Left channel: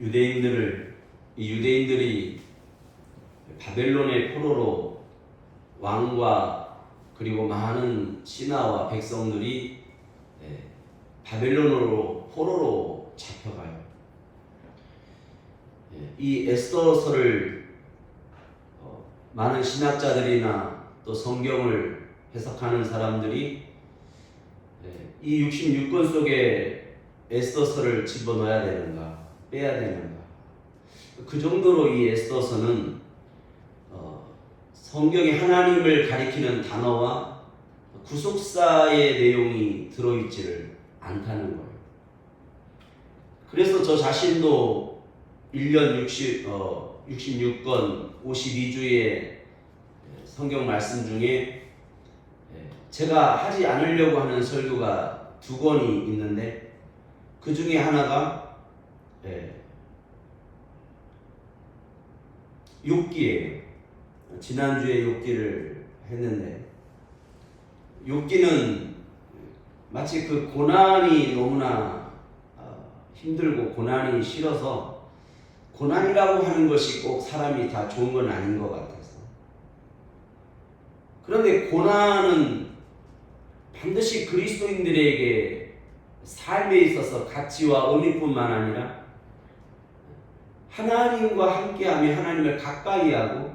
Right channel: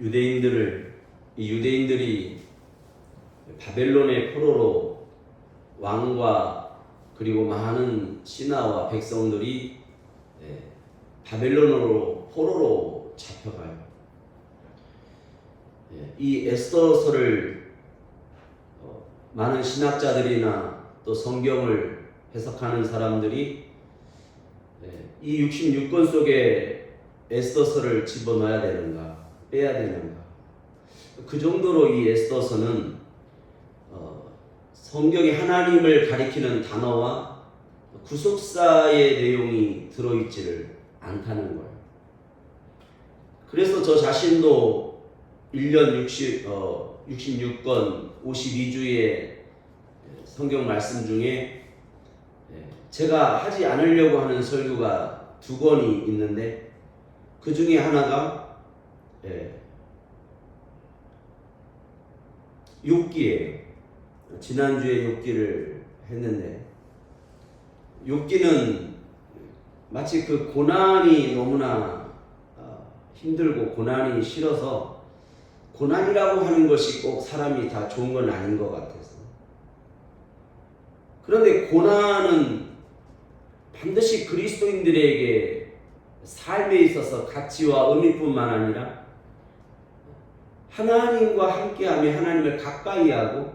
유대인들이 바벨론의 포로로 왕과 그리고 많은 신하와 백성들이 바벨론으로 포로로 잡혀가요. 이 에스더서를 많은 신학자들이나 또 성경을 해석하는 사람들이 이 66권 속에 에스더서를 집어넣어야 되는가 빼야 되는가, 그 정도로 이 에스더서는 성경이 하나님을 가리키는 단어와 구속사의 내용이 들어있지를 않다는 거예요. 그래서 저 자신도 1년 66권 52주의 성경 말씀 중에 제가 하지 않으려고 하는 설교가 2권이 있는데, 그 중에 하나가 욥기예요. 지난주에 욥기를 했는데, 욥기는 마치 그 고난이 너무나 힘들고 고난이 싫어서, 고난이라고 하는 것이 꼭 사람이 다 좋은 건 아닌 것 같아서, 그런데 고난은 반드시 그리스도인들에게 삶에 있어서 가치와 의미뿐만 아니라 하나님과 함께하며 하나님을 가까이 하고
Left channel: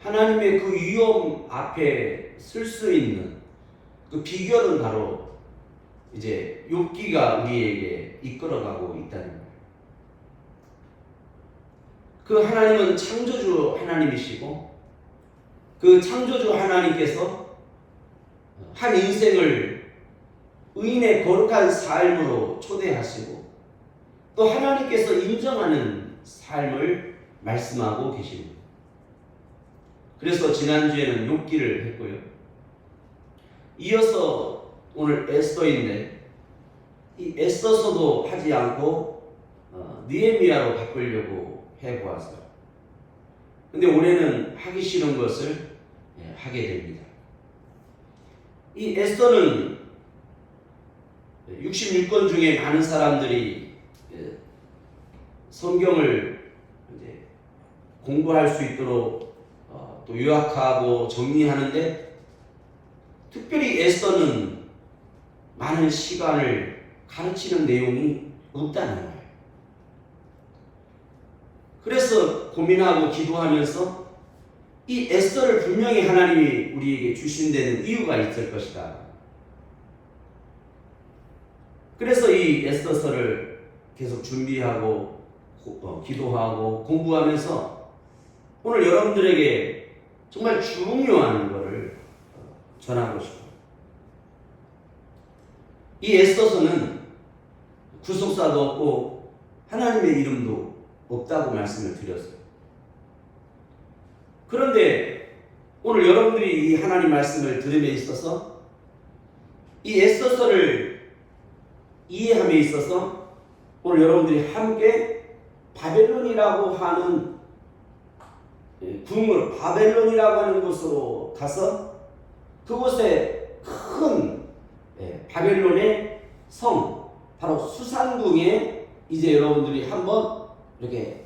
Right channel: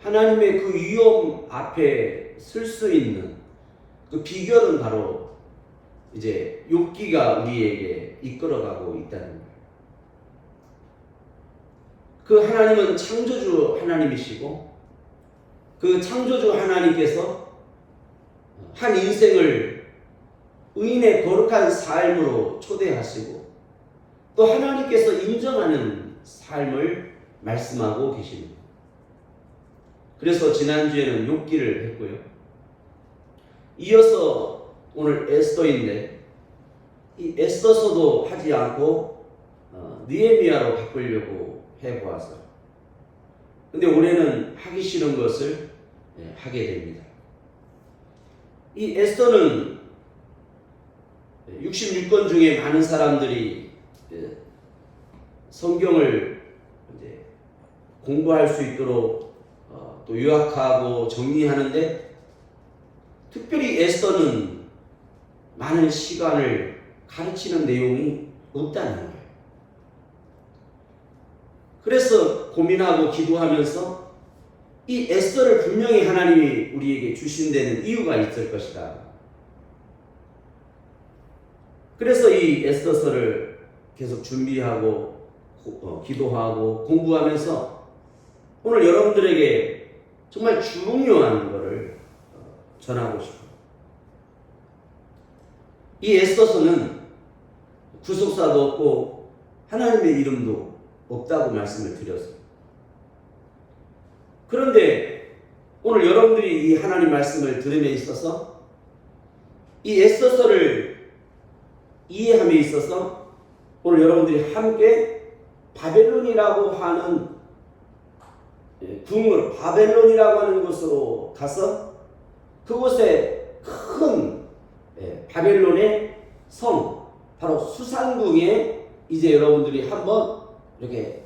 하나님의 그 위험 앞에 설 수 있는 그 비결은 바로 이제 욥기가 우리에게 이끌어가고 있다는 거예요. 그 하나님은 창조주 하나님이시고, 그 창조주 하나님께서 한 인생을 의인의 거룩한 삶으로 초대하시고 또 하나님께서 인정하는 삶을 말씀하고 계십니다. 그래서 지난주에는 욥기를 했고요. 이어서 오늘 에스더인데, 이 에스더서도 하지 않고 느헤미야로 바꾸려고 해보았어요. 근데 올해는 하기 싫은 것을 하게 됩니다. 이 에스더는 66권 중에 많은 사람들이 성경을 이제 공부할 수 있도록 또 요약하고 정리하는데, 특별히 에스더는 많은 시간을 가르치는 내용이 없다는 거예요. 그래서 고민하고 기도하면서 이 에스더를 분명히 하나님이 우리에게 주신 데는 이유가 있을 것이다. 그래서 이 에스더서를 계속 준비하고 기도하고 공부하면서 오늘 여러분들에게 정말 중요한 것을 전하고 싶어요. 이 에스더서는 구속사도 없고 하나님의 이름도 없다고 말씀을 드렸어요. 그런데 오늘 여러분들이 이 하나님 말씀을 들음에 있어서 이 에스더서를 이해함에 있어서 오늘 여러분들이 함께 바벨론이라고 하는 궁으로, 바벨론이라고 하는 곳으로 가서 그곳에 큰 바벨론의 성, 바로 수산궁에 이제 여러분들이 한번 이렇게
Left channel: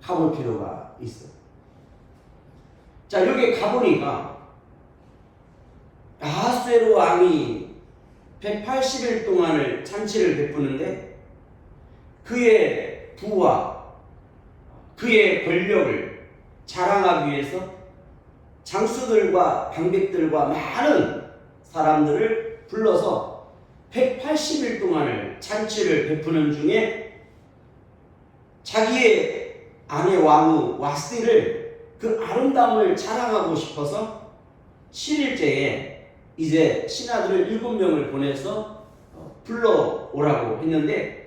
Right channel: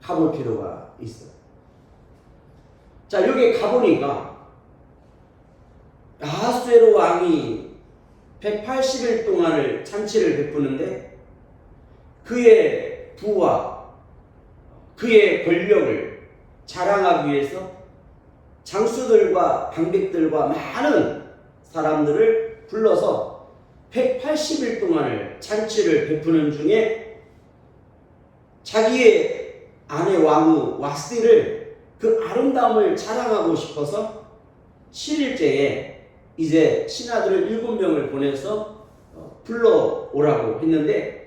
가볼 필요가 있어요. 자, 여기 가보니까 아하수에로 왕이 180일 동안을 잔치를 베푸는데, 그의 부와 그의 권력을 자랑하기 위해서 장수들과 방백들과 많은 사람들을 불러서 180일 동안을 잔치를 베푸는 중에 자기의 아내 왕후 와스티를 그 아름다움을 자랑하고 싶어서 7일째에 이제 신하들을 7명을 보내서 불러오라고 했는데,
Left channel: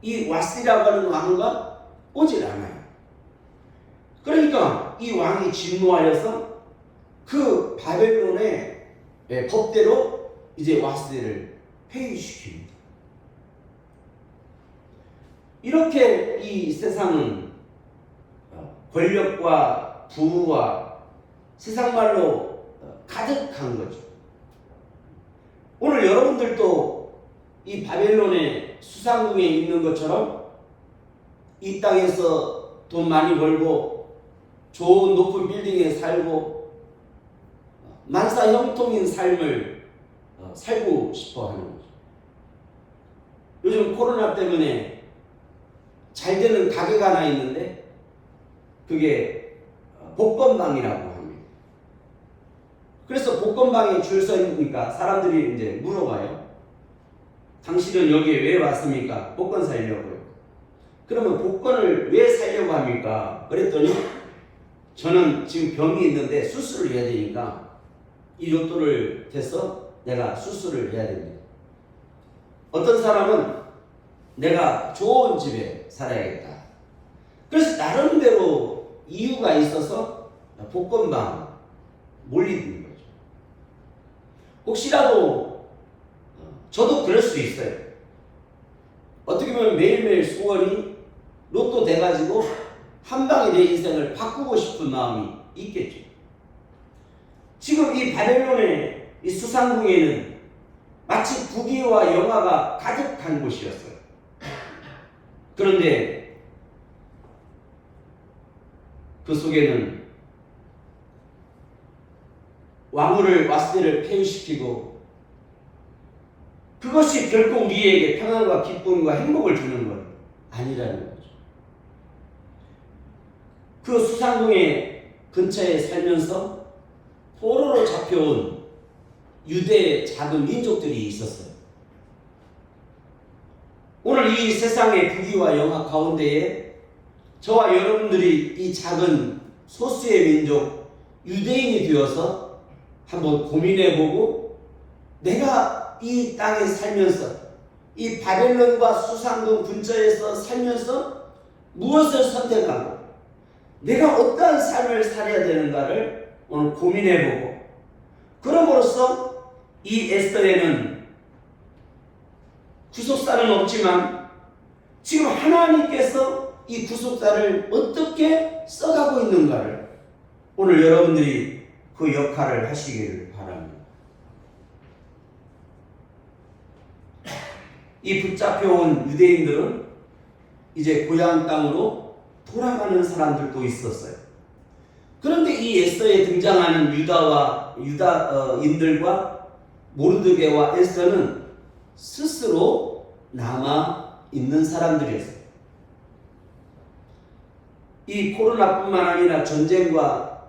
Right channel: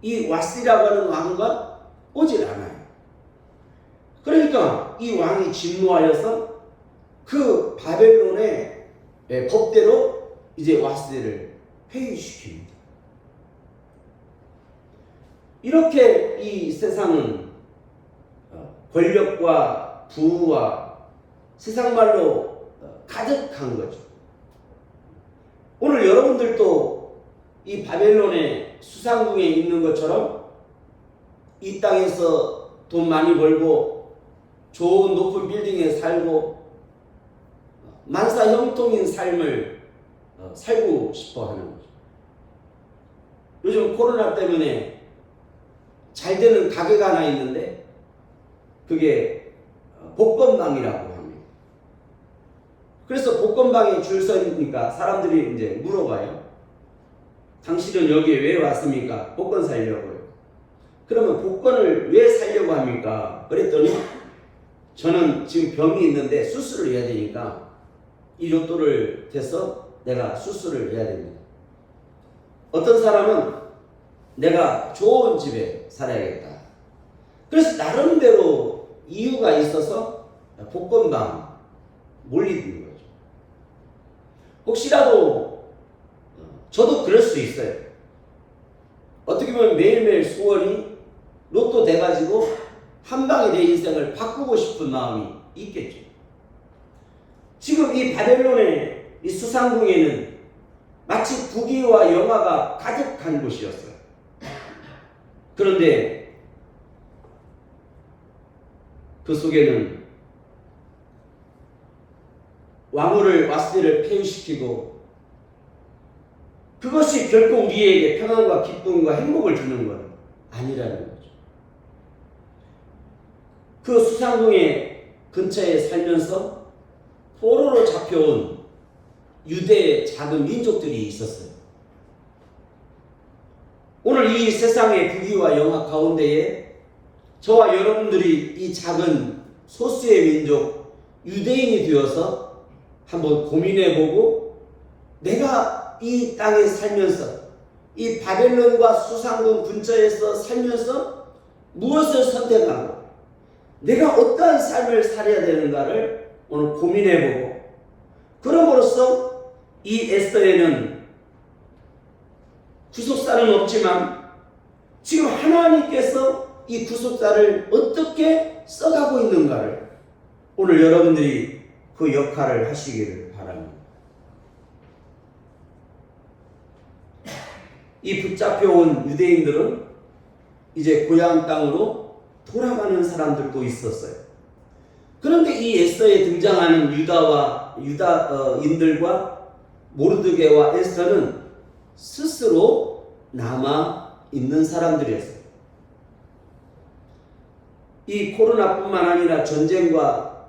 이 와스티라고 하는 왕후가 오질 않아요. 그러니까 이 왕이 진노하여서 그 바벨론의 법대로 이제 와스티를 폐위시킵니다. 이렇게 이 세상은 권력과 부와 세상말로 가득한 거죠. 오늘 여러분들도 이 바벨론의 수상궁에 있는 것처럼 이 땅에서 돈 많이 벌고 좋은 높은 빌딩에 살고 만사 형통인 삶을 살고 싶어 하는 거죠. 요즘 코로나 때문에 잘 되는 가게가 하나 있는데 그게 복권방이라고 합니다. 그래서 복권방에 줄 서 있으니까 사람들이 이제 물어봐요. 당신은 여기에 왜 왔습니까? 복권 사려고요. 그러면 복권을 왜 사려고 합니까? 그랬더니 저는 지금 병이 있는데 수술을 해야 되니까 이 로또를 대서 내가 수술을 해야 됩니다. 어떤 사람은 내가 좋은 집에 살아야겠다. 그래서 나름대로 이유가 있어서 복권방 몰리는 거죠. 혹시라도 저도 그럴 수 있어요. 어떻게 보면 매일매일 소원이 로또 돼가지고 한 방에 내 인생을 바꾸고 싶은 마음이 있겠죠. 지금 이 바벨론의 이 수상궁에는 마치 부귀와 영화가 가득한 곳이었어요. 그런데 그 속에는 왕후를 와스티를 폐위시키고 그것이 결코 우리에게 평안과 기쁨과 행복을 주는 건 아니라는 거죠. 그 수상궁의 근처에 살면서 포로로 잡혀온 유대의 작은 민족들이 있었어요. 오늘 이 세상의 부귀와 영화 가운데에 저와 여러분들이 이 작은 소수의 민족 유대인이 되어서 한번 고민해보고 내가 이 땅에 살면서 이 바벨론과 수상궁 근처에서 살면서 무엇을 선택하고 내가 어떠한 삶을 살아야 되는가를 오늘 고민해보고 그럼으로써 이 에스더에는 구속사는 없지만 지금 하나님께서 이 구속사를 어떻게 써가고 있는가를 오늘 여러분들이 그 역할을 하시기를 바랍니다. 이 붙잡혀온 유대인들은 이제 고향 땅으로 돌아가는 사람들도 있었어요. 그런데 이 에스더에 등장하는 유다인들과 모르드게와 에스더는 스스로 남아 있는 사람들이었어요. 이 코로나뿐만 아니라 전쟁과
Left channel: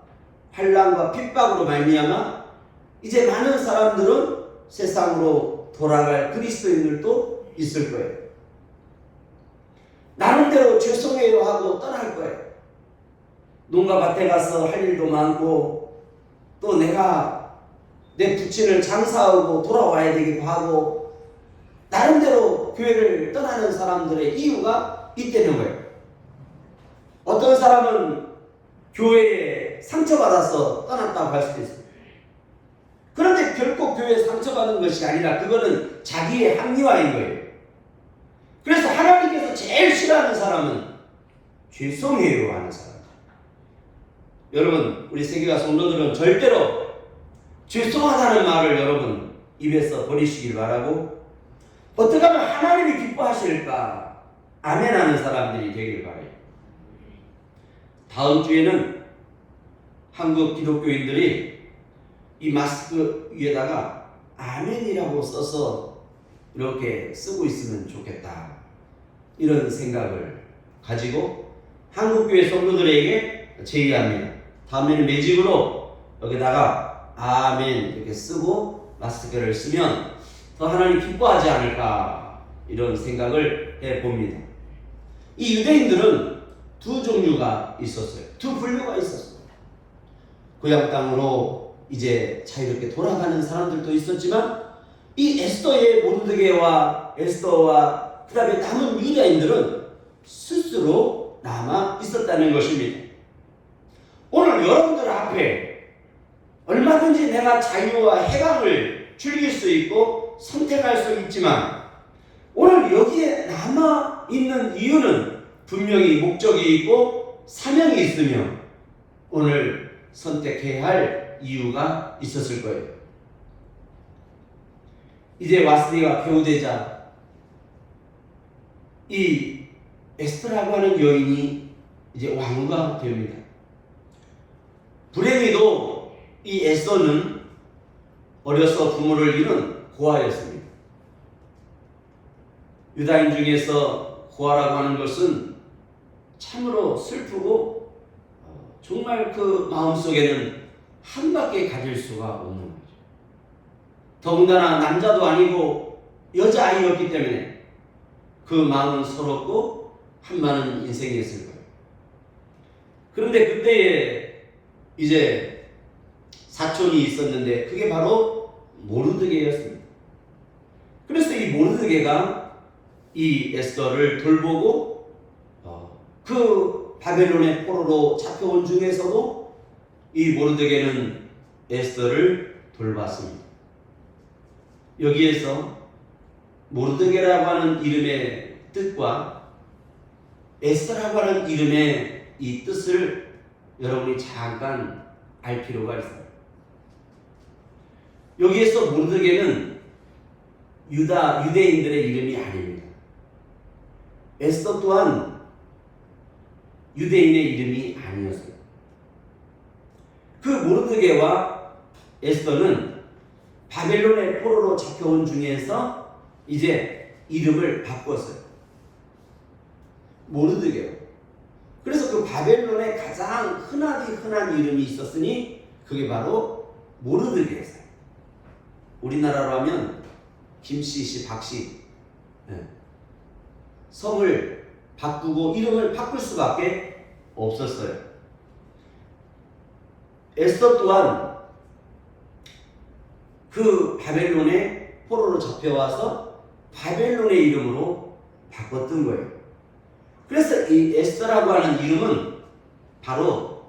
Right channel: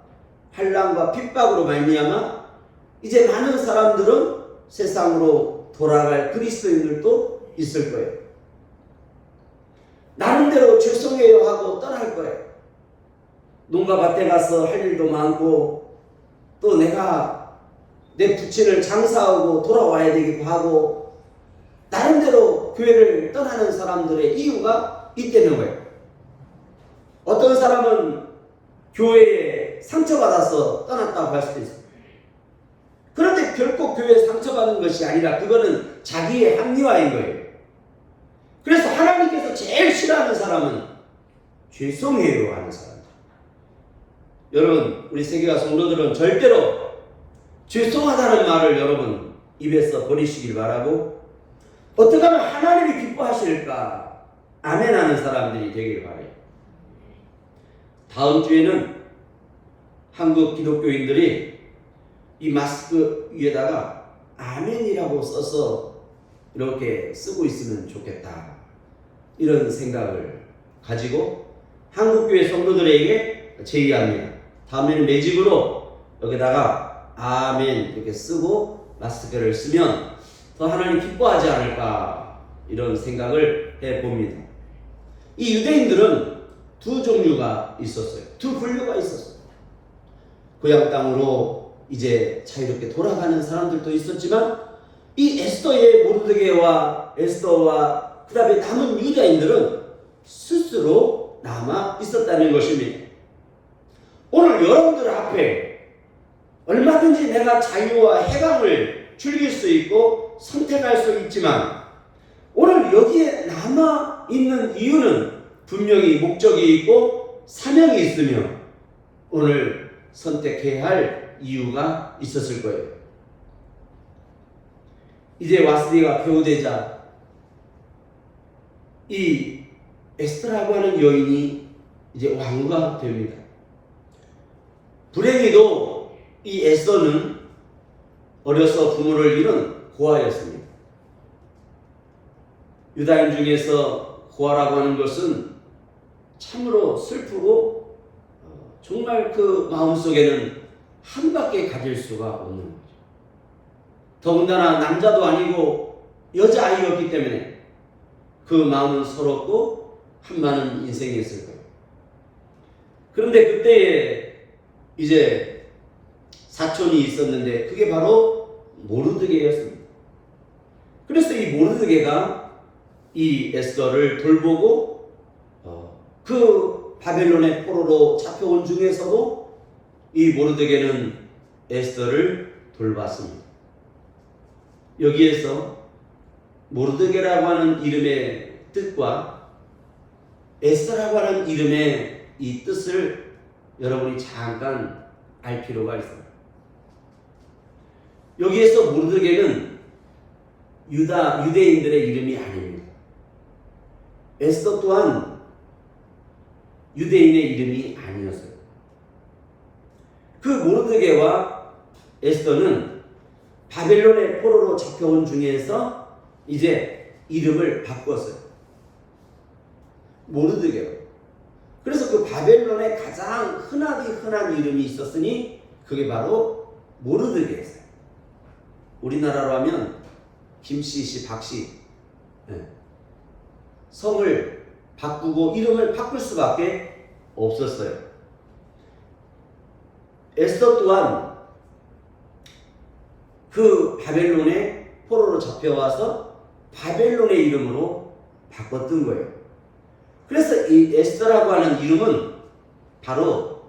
환란과 핍박으로 말미암아 이제 많은 사람들은 세상으로 돌아갈 그리스도인들도 있을 거예요. 나름대로 죄송해요 하고 떠날 거예요. 농가 밭에 가서 할 일도 많고 또 내가 내 부친을 장사하고 돌아와야 되기도 하고 나름대로 교회를 떠나는 사람들의 이유가 있다는 거예요. 어떤 사람은 교회에 상처받아서 떠났다고 할 수도 있어요. 그런데 결코 교회에 상처받은 것이 아니라 그거는 자기의 합리화인 거예요. 그래서 하나님께서 제일 싫어하는 사람은 죄송해요 하는 사람. 여러분 우리 세계가 성도들은 절대로 죄송하다는 말을 여러분 입에서 버리시길 바라고 어떻게 하면 하나님이 기뻐하실까 아멘하는 사람들이 되길 바라요. 다음 주에는 한국 기독교인들이 이 마스크 위에다가 아멘이라고 써서 이렇게 쓰고 있으면 좋겠다 이런 생각을 가지고 한국교회 성도들에게 제의합니다. 다음에는 매직으로 여기다가 아멘 이렇게 쓰고 마스크를 쓰면 더 하나님 기뻐하지 않을까 이런 생각을 해봅니다. 이 유대인들은 두 종류가 있었어요. 두 분류가 있었어요. 고향 땅으로 이제 자유롭게 돌아가는 사람들도 있었지만 이 에스더의 모르드게와 에스더와 그 다음에 남은 유다인들은 스스로 남아 있었다는 것입니다. 오늘 여러분들 앞에 얼마든지 내가 자유와 해방을 즐길 수 있고 선택할 수 있지만 오늘 여기에 남아 있는 이유는 분명히 목적이 있고 사명이 있으며 오늘 선택해야 할 이유가 있었을 거예요. 이제 와스디가 배우되자 이 에스더라고 하는 여인이 이제 왕후가 됩니다. 불행히도 이 에스더는 어려서 부모를 잃은 고아였습니다. 유다인 중에서 고아라고 하는 것은 참으로 슬프고 정말 그 마음속에는 한밖에 가질 수가 없는 거죠. 더군다나 남자도 아니고 여자아이였기 때문에 그 마음은 서럽고 한많은 인생이었을 거예요. 그런데 그때에 이제 사촌이 있었는데 그게 바로 모르드게였습니다. 그래서 이 모르드게가 이 에스더를 돌보고 그 바벨론의 포로로 잡혀온 중에서도 이 모르드게는 에스더를 돌봤습니다. 여기에서 모르드게라고 하는 이름의 뜻과 에스더라고 하는 이름의 이 뜻을 여러분이 잠깐 알 필요가 있어요. 여기에서 모르드게는 유대인들의 이름이 아닙니다. 에스더 또한 유대인의 이름이 아니었어요. 그 모르드게와 에스더는 바벨론의 포로로 잡혀온 중에서 이제 이름을 바꿨어요. 모르드게로. 그래서 그 바벨론에 가장 흔한 이름이 있었으니 그게 바로 모르드게였어요. 우리나라로 하면 김씨, 박씨. 성을 바꾸고 이름을 바꿀 수밖에 없었어요. 에스더 또한 그 바벨론의 포로로 잡혀와서 바벨론의 이름으로 바꿨던 거예요. 그래서 이 에스더라고 하는 이름은 바로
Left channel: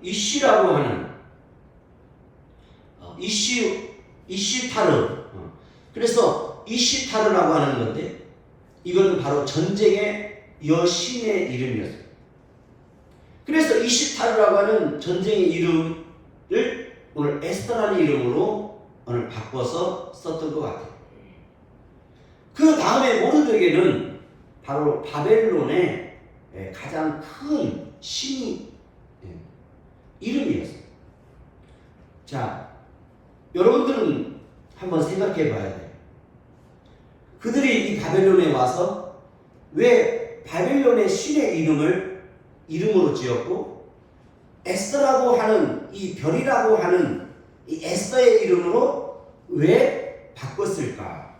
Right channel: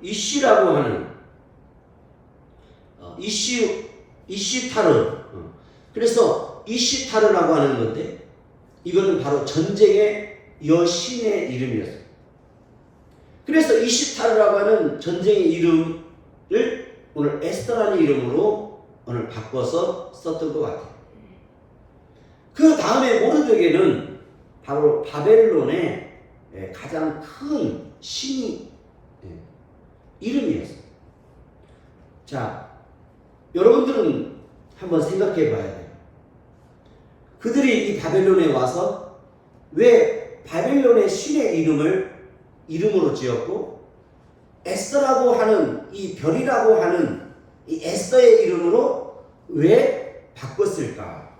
이쉬라고 하는 이시타르. 그래서 이시타르라고 하는 건데 이건 바로 전쟁의 여신의 이름이었어요. 그래서 이시타르라고 하는 전쟁의 이름을 오늘 에스더라는 이름으로 오늘 바꿔서 썼던 것 같아요. 그 다음에 모르드게는 바로 바벨론의 가장 큰 신이 이름이었어요. 자, 여러분들은 한번 생각해 봐야 돼요. 그들이 이 바벨론에 와서 왜 바벨론의 신의 이름으로 지었고 에스더라고 하는 이 별이라고 하는 이 에스더의 이름으로 왜 바꿨을까입니다.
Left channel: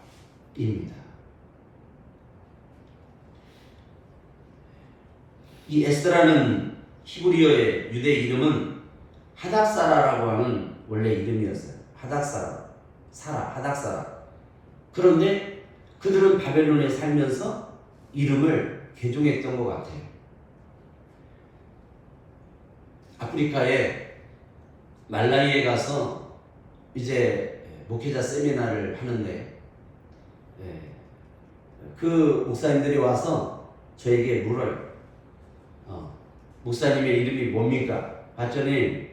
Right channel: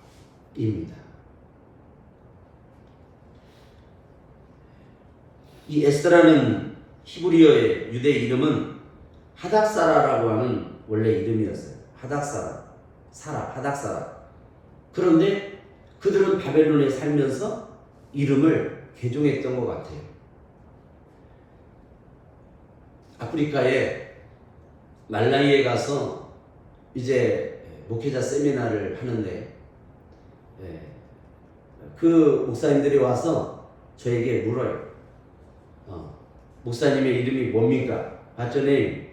이 에스더라는 히브리어의 유대 이름은 하닥사라라고 하는 원래 이름이었어요. 하닥사라. 그런데 그들은 바벨론에 살면서 이름을 개종했던 것 같아요. 아프리카의 말라위에 가서 이제 목회자 세미나를 하는데 그 목사님들이 와서 저에게 물어요. 목사님의 이름이 뭡니까? 봤더니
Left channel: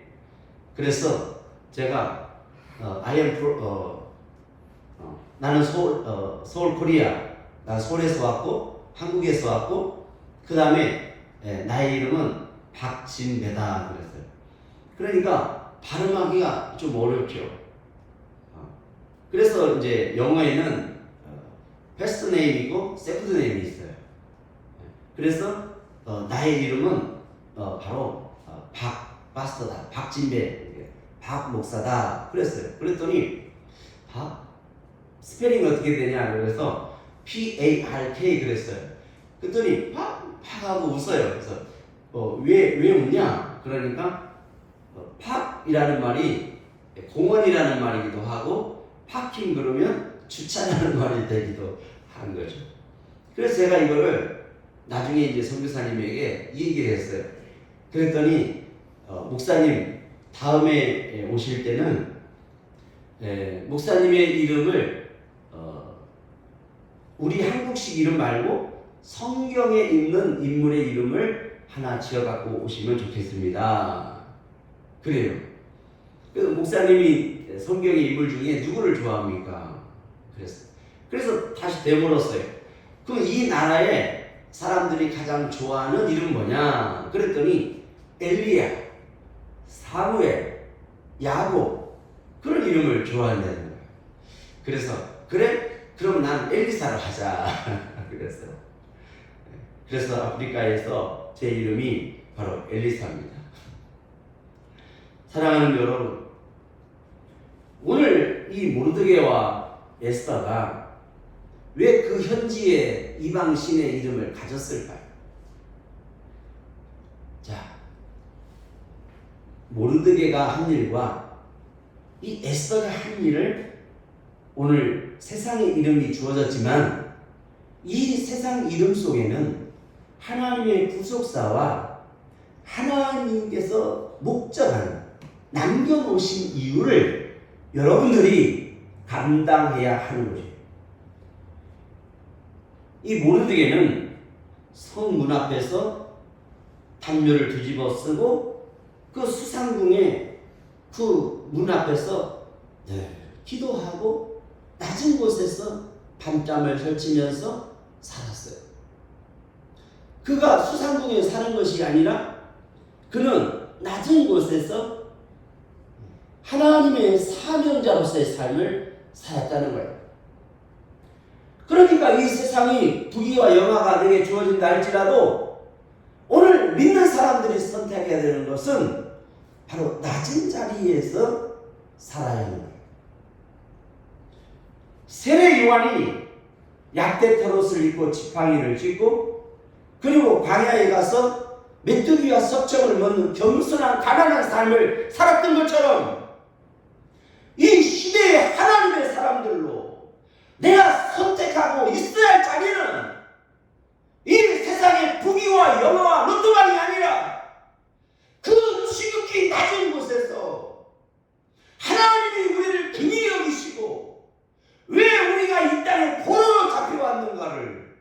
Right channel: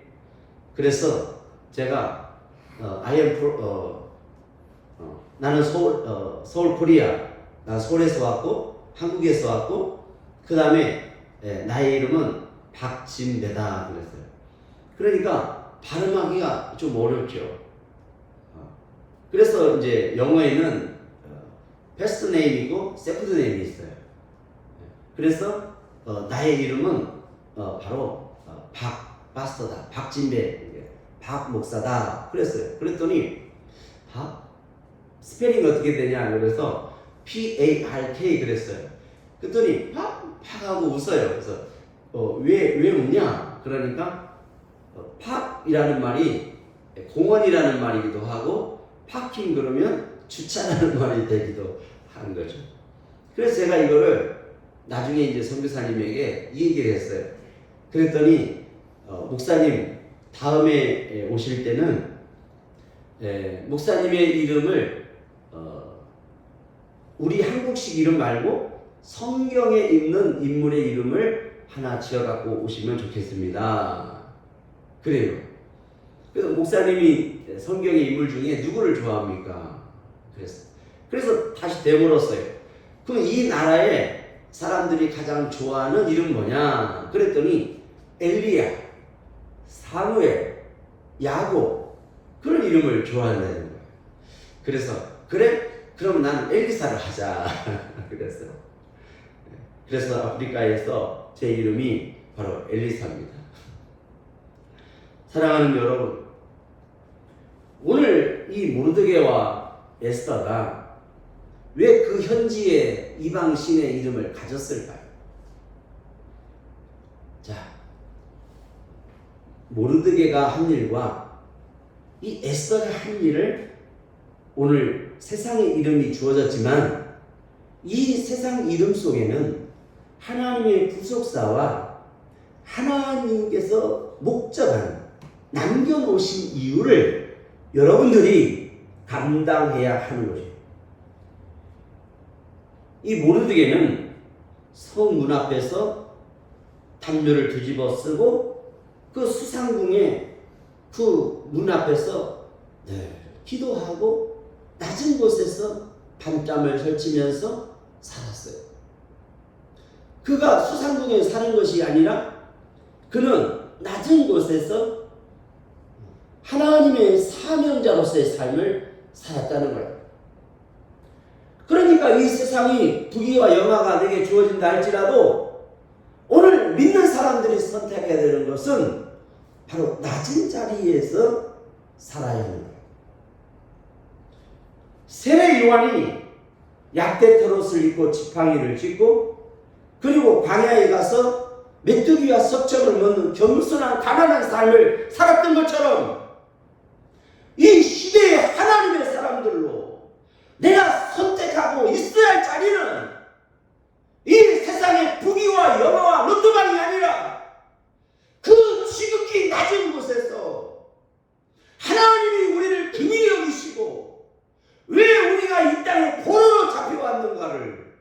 그래서 제가 나는 서울 코리아, 나 서울에서 왔고 한국에서 왔고 그 다음에 나의 이름은 박진배다 그랬어요. 그러니까 발음하기가 좀 어렵죠. 그래서 이제 영어에는 패스트 네임이고 세컨드 네임이 있어요. 그래서 나의 이름은 바로 박파스터다, 박진배, 박 목사다 그랬어요. 그랬더니 스페링 어떻게 되냐 그래서 PARK 그랬어요. 그랬더니 팍 하고 웃어요. 그래서 왜 웃냐? 그러니까 팍이라는 말이 공원이라는 말이기도 하고 파킹 그러면 주차라는 말이 되기도 하는 거죠. 그래서 제가 이거를 나중에 이제 선교사님에게 이 얘기를 했어요. 그랬더니 목사님 다음에 오실 때는 목사님의 이름을 우리 한국식 이름 말고 성경에 있는 인물의 이름을 하나 지어갖고 오시면 좋겠습니다. 그래요. 그래서 목사님이 성경의 인물 중에 누구를 좋아합니까? 그래서 다시 되물었어요. 그 이 나라에 사람들이 가장 좋아하는 이름 뭐냐? 그랬더니 엘리야, 사무엘, 야곱 그런 이름을 좋아한다는 거예요. 그래서 그래? 그럼 난 엘리사를 하자. 그랬어요. 그래서 아프리카에서 제 이름이 바로 엘리사입니다. 사랑하는 여러분, 오늘 이 모르드게와 에스더가 왜 그 현지의 이방 신의 이름을 가졌을까요? 자, 모르드게가 한 일과 이 에스더가 한 일을 오늘 세상의 이름이 주어졌지만 이 세상 이름 속에는 하나님의 구속사와 하나님께서 목적한 남겨놓으신 이유를 여러분들이 감당해야 하는 거예요. 이 모르드게는 성문 앞에서 담요를 뒤집어 쓰고 그 수상궁의 그 문 앞에서 기도하고 낮은 곳에서 밤잠을 설치면서 살았어요. 그가 수상궁에 사는 것이 아니라 그는 낮은 곳에서 하나님의 사명자로서의 삶을 살았다는 거예요. 그러니까 이 세상이 부귀와 영화가 내게 주어진다 할지라도 오늘 믿는 사람들이 선택해야 되는 것은 바로 낮은 자리에서 살아야 하는 거예요. 세례 요한이 약대터롯을 입고 지팡이를 쥐고 그리고 광야에 가서 메뚜기와 석청을 먹는 겸손한 가난한 삶을 살았던 것처럼 이 시대의 하나님의 사람들로 내가 선택하고 있어야 할 자리는 이 세상의 부귀와 영화와 로또만이 아니라 그 지극히 낮은 곳에서 하나님이 우리를 긍휼히 여기시고 왜 우리가 이 땅에 포로로 잡혀왔는가를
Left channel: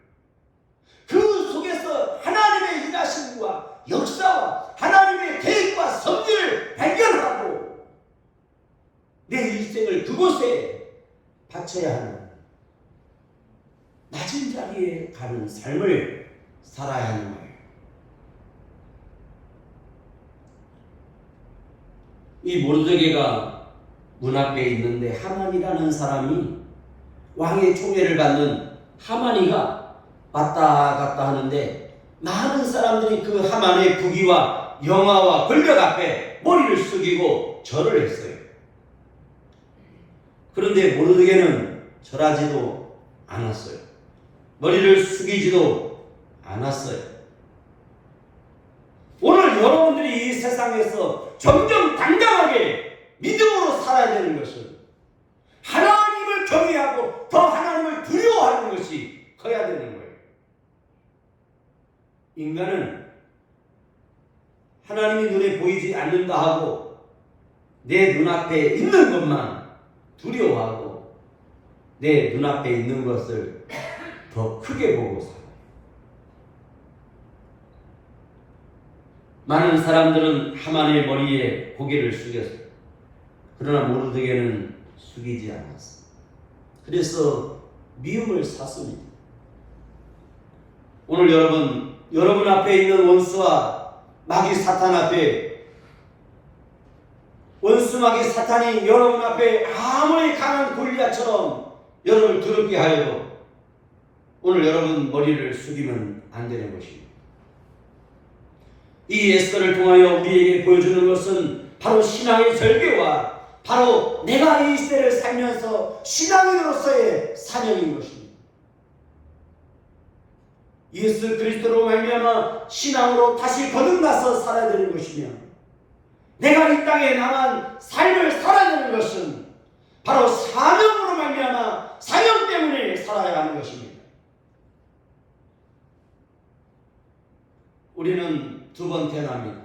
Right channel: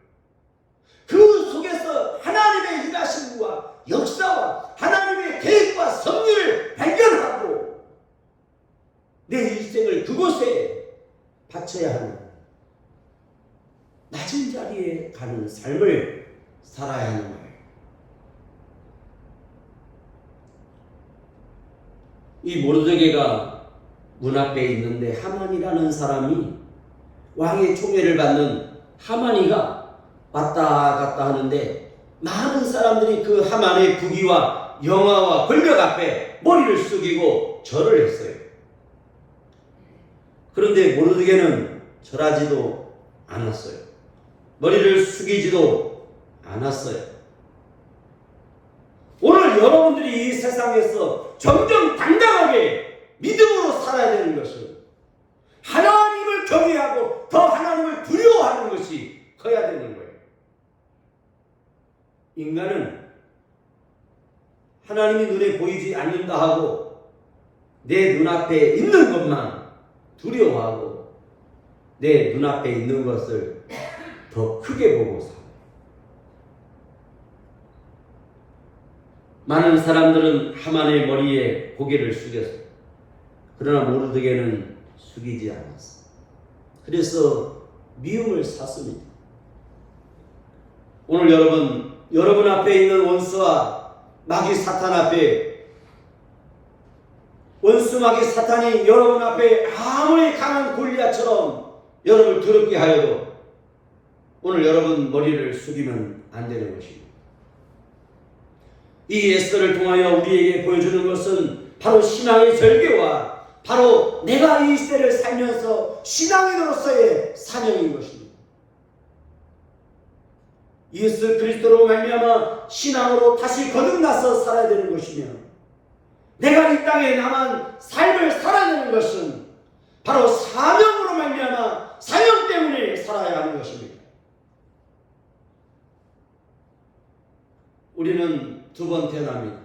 그 속에서 하나님의 일하심과 역사와 하나님의 계획과 섭리를 발견하고 내 일생을 그곳에 바쳐야 하는 낮은 자리에 가는 삶을 살아야 하는 거예요. 이 모르드게가 문 앞에 있는데 하만이라는 사람이 왕의 총애를 받는 하만이가 왔다 갔다 하는데 많은 사람들이 그 하만의 부귀와 영화와 권력 앞에 머리를 숙이고 절을 했어요. 그런데 모르드게는 절하지도 않았어요. 머리를 숙이지도 않았어요. 오늘 여러분들이 이 세상에서 점점 당당하게 믿음으로 살아야 되는 것은 하나님을 경외하고 더 하나님을 두려워하는 것이 커야 되는 거예요. 인간은 하나님이 눈에 보이지 않는다 하고 내 눈앞에 있는 것만 두려워하고 내 눈앞에 있는 것을 더 크게 보고 살아요. 많은 사람들은 하만의 머리에 고개를 숙였어요. 그러나 모르드게는 숙이지 않았어요. 그래서 미움을 샀습니다. 오늘 여러분 앞에 있는 원수와 마귀 사탄 앞에 원수 마귀 사탄이 여러분 앞에 아무리 강한 골리앗처럼 여러분을 두렵게 하여도 오늘 여러분 머리를 숙이면 안 되는 것입니다. 이 에스더를 통하여 우리에게 보여주는 것은 바로 신앙의 절개와 바로 내가 이 시대를 살면서 신앙인으로서의 사명인 것입니다. 예수 그리스도로 말미암아 신앙으로 다시 거듭나서 살아야 되는 것이며 내가 이 땅에 남은 삶을 살아야 되는 것은 바로 사명으로 말미암아 사명 때문에 살아야 하는 것입니다. 우리는 두 번 태어납니다.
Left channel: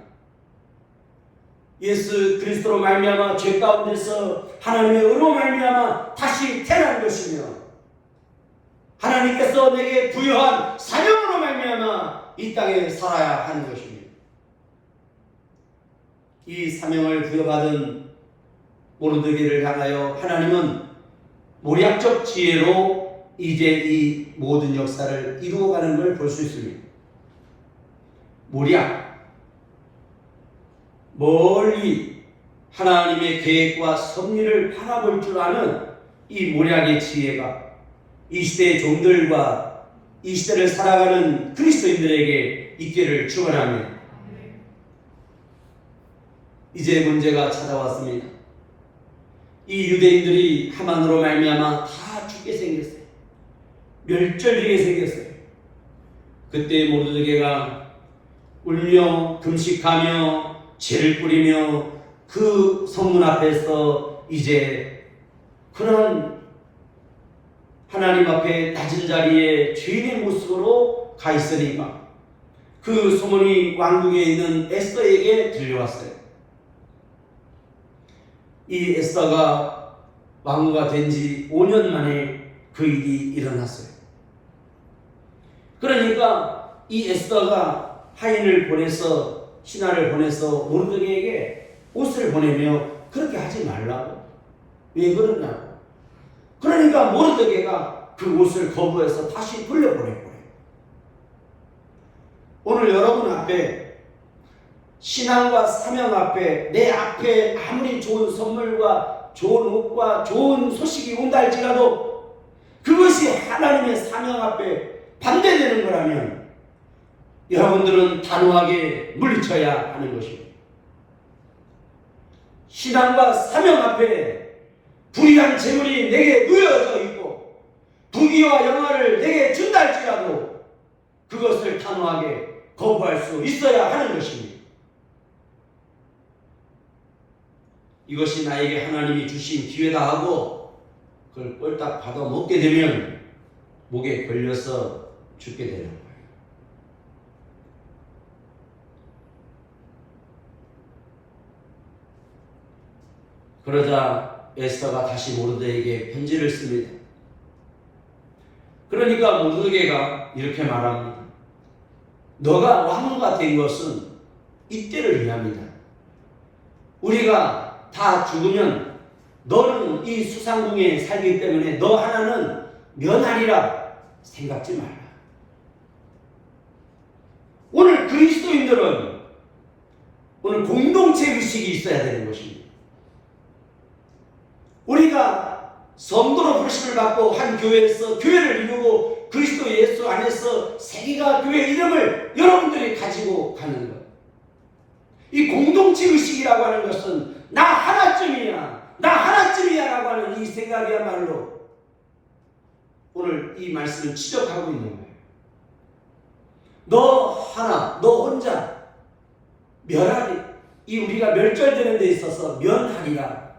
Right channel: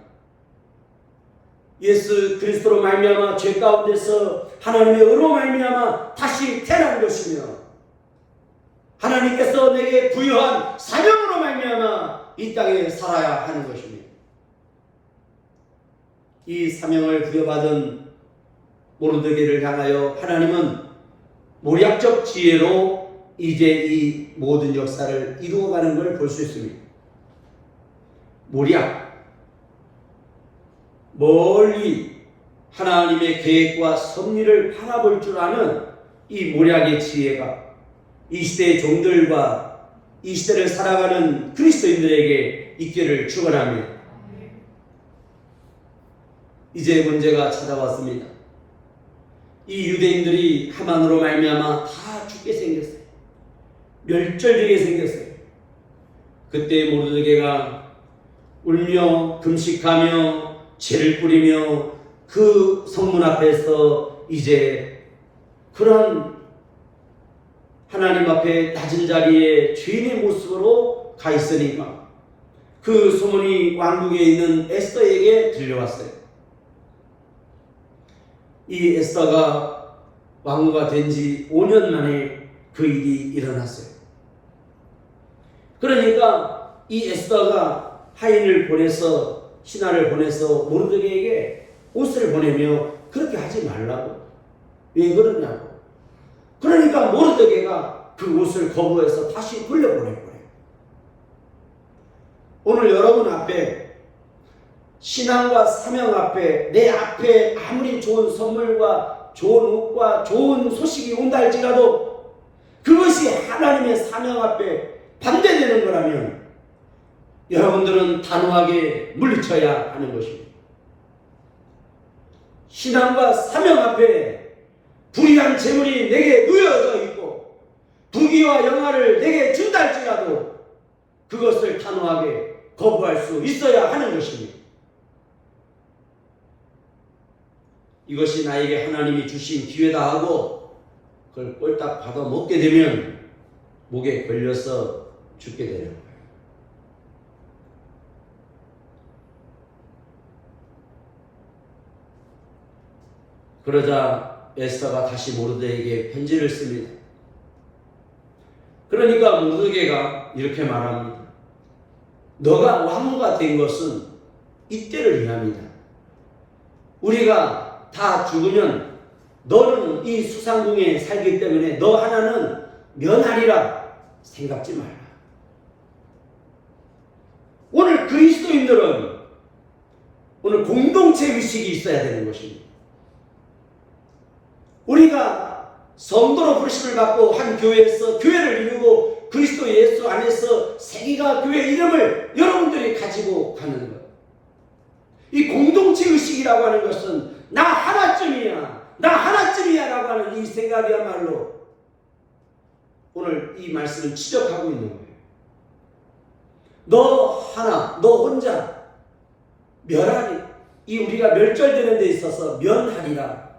예수 그리스도로 말미암아 죄 가운데서 하나님의 의로 말미암아 다시 태어난 것이며 하나님께서 내게 부여한 사명으로 말미암아 이 땅에 살아야 하는 것입니다. 이 사명을 부여받은 모르드게를 향하여 하나님은 모략적 지혜로 이제 이 모든 역사를 이루어가는 걸 볼 수 있습니다. 모략, 멀리 하나님의 계획과 섭리를 바라볼 줄 아는 이 모략의 지혜가 이 시대의 종들과 이 시대를 살아가는 그리스도인들에게 있기를 축원합니다. 이제 문제가 찾아왔습니다. 이 유대인들이 하만으로 말미암아 다 죽게 생겼어요. 멸절되게 생겼어요. 그때 모르드게가 울며 금식하며 죄를 뿌리며 그 성문 앞에서 이제 그런 하나님 앞에 낮은 자리에 죄인의 모습으로 가 있으니까 그 소문이 왕궁에 있는 에스더에게 들려왔어요. 이 에스더가 왕후가 된 지 5년 만에 그 일이 일어났어요. 그러니까 이 에스더가 하인을 보내서 신하를 보내서 모르드게에게 옷을 보내며 그렇게 하지 말라고. 왜 그러냐고. 그러니까 모르드게가 그 옷을 거부해서 다시 돌려보낼 거예요. 오늘 여러분 앞에 신앙과 사명 앞에 내 앞에 아무리 좋은 선물과 좋은 옷과 좋은 소식이 온다 할지라도 그것이 하나님의 사명 앞에 반대되는 거라면 여러분들은 단호하게 물리쳐야 하는 것입니다. 신앙과 사명 앞에 불의한 재물이 내게 누여져 있고 부귀와 영화를 내게 준다 할지라도 그것을 단호하게 거부할 수 있어야 하는 것입니다. 이것이 나에게 하나님이 주신 기회다 하고 그걸 꼴딱 받아 먹게 되면 목에 걸려서 죽게 되는 거예요. 그러자 에스더가 다시 모르드게에게 편지를 씁니다. 그러니까 모르드게가 이렇게 말합니다. 너가 왕후가 된 것은 이때를 위함이다. 우리가 다 죽으면 너는 이 수상궁에 살기 때문에 너 하나는 면하리라 생각지 말라. 오늘 그리스도인들은 오늘 공동체 의식이 있어야 되는 것입니다. 우리가 성도로 부르심을 받고 한 교회에서 교회를 이루고 그리스도 예수 안에서 세계가 교회 이름을 여러분들이 가지고 가는 것. 이 공동체 의식이라고 하는 것은 나 하나쯤이야 라고 하는 이 생각이야말로 오늘 이 말씀을 지적하고 있는 거예요. 너 하나, 너 혼자 멸하리. 이 우리가 멸절되는 데 있어서 면하리라.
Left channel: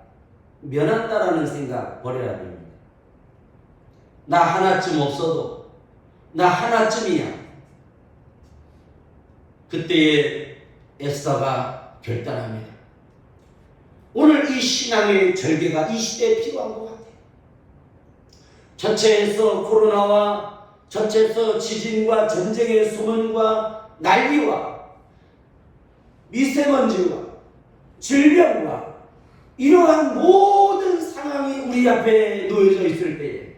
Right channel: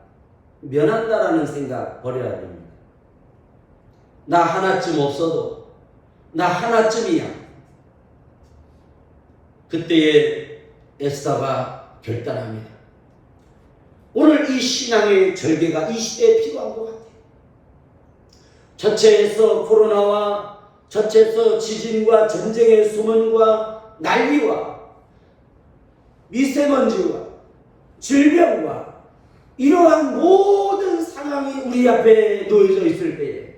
면한다라는 생각 버려야 됩니다. 나 하나쯤 없어도 나 하나쯤이야. 그때에 에스더가 결단합니다. 오늘 이 신앙의 절개가 이 시대에 필요한 것 같아요. 전체에서 코로나와 전체에서 지진과 전쟁의 소문과 난리와 미세먼지와 질병과 이러한 모든 상황이 우리 앞에 놓여져 있을 때에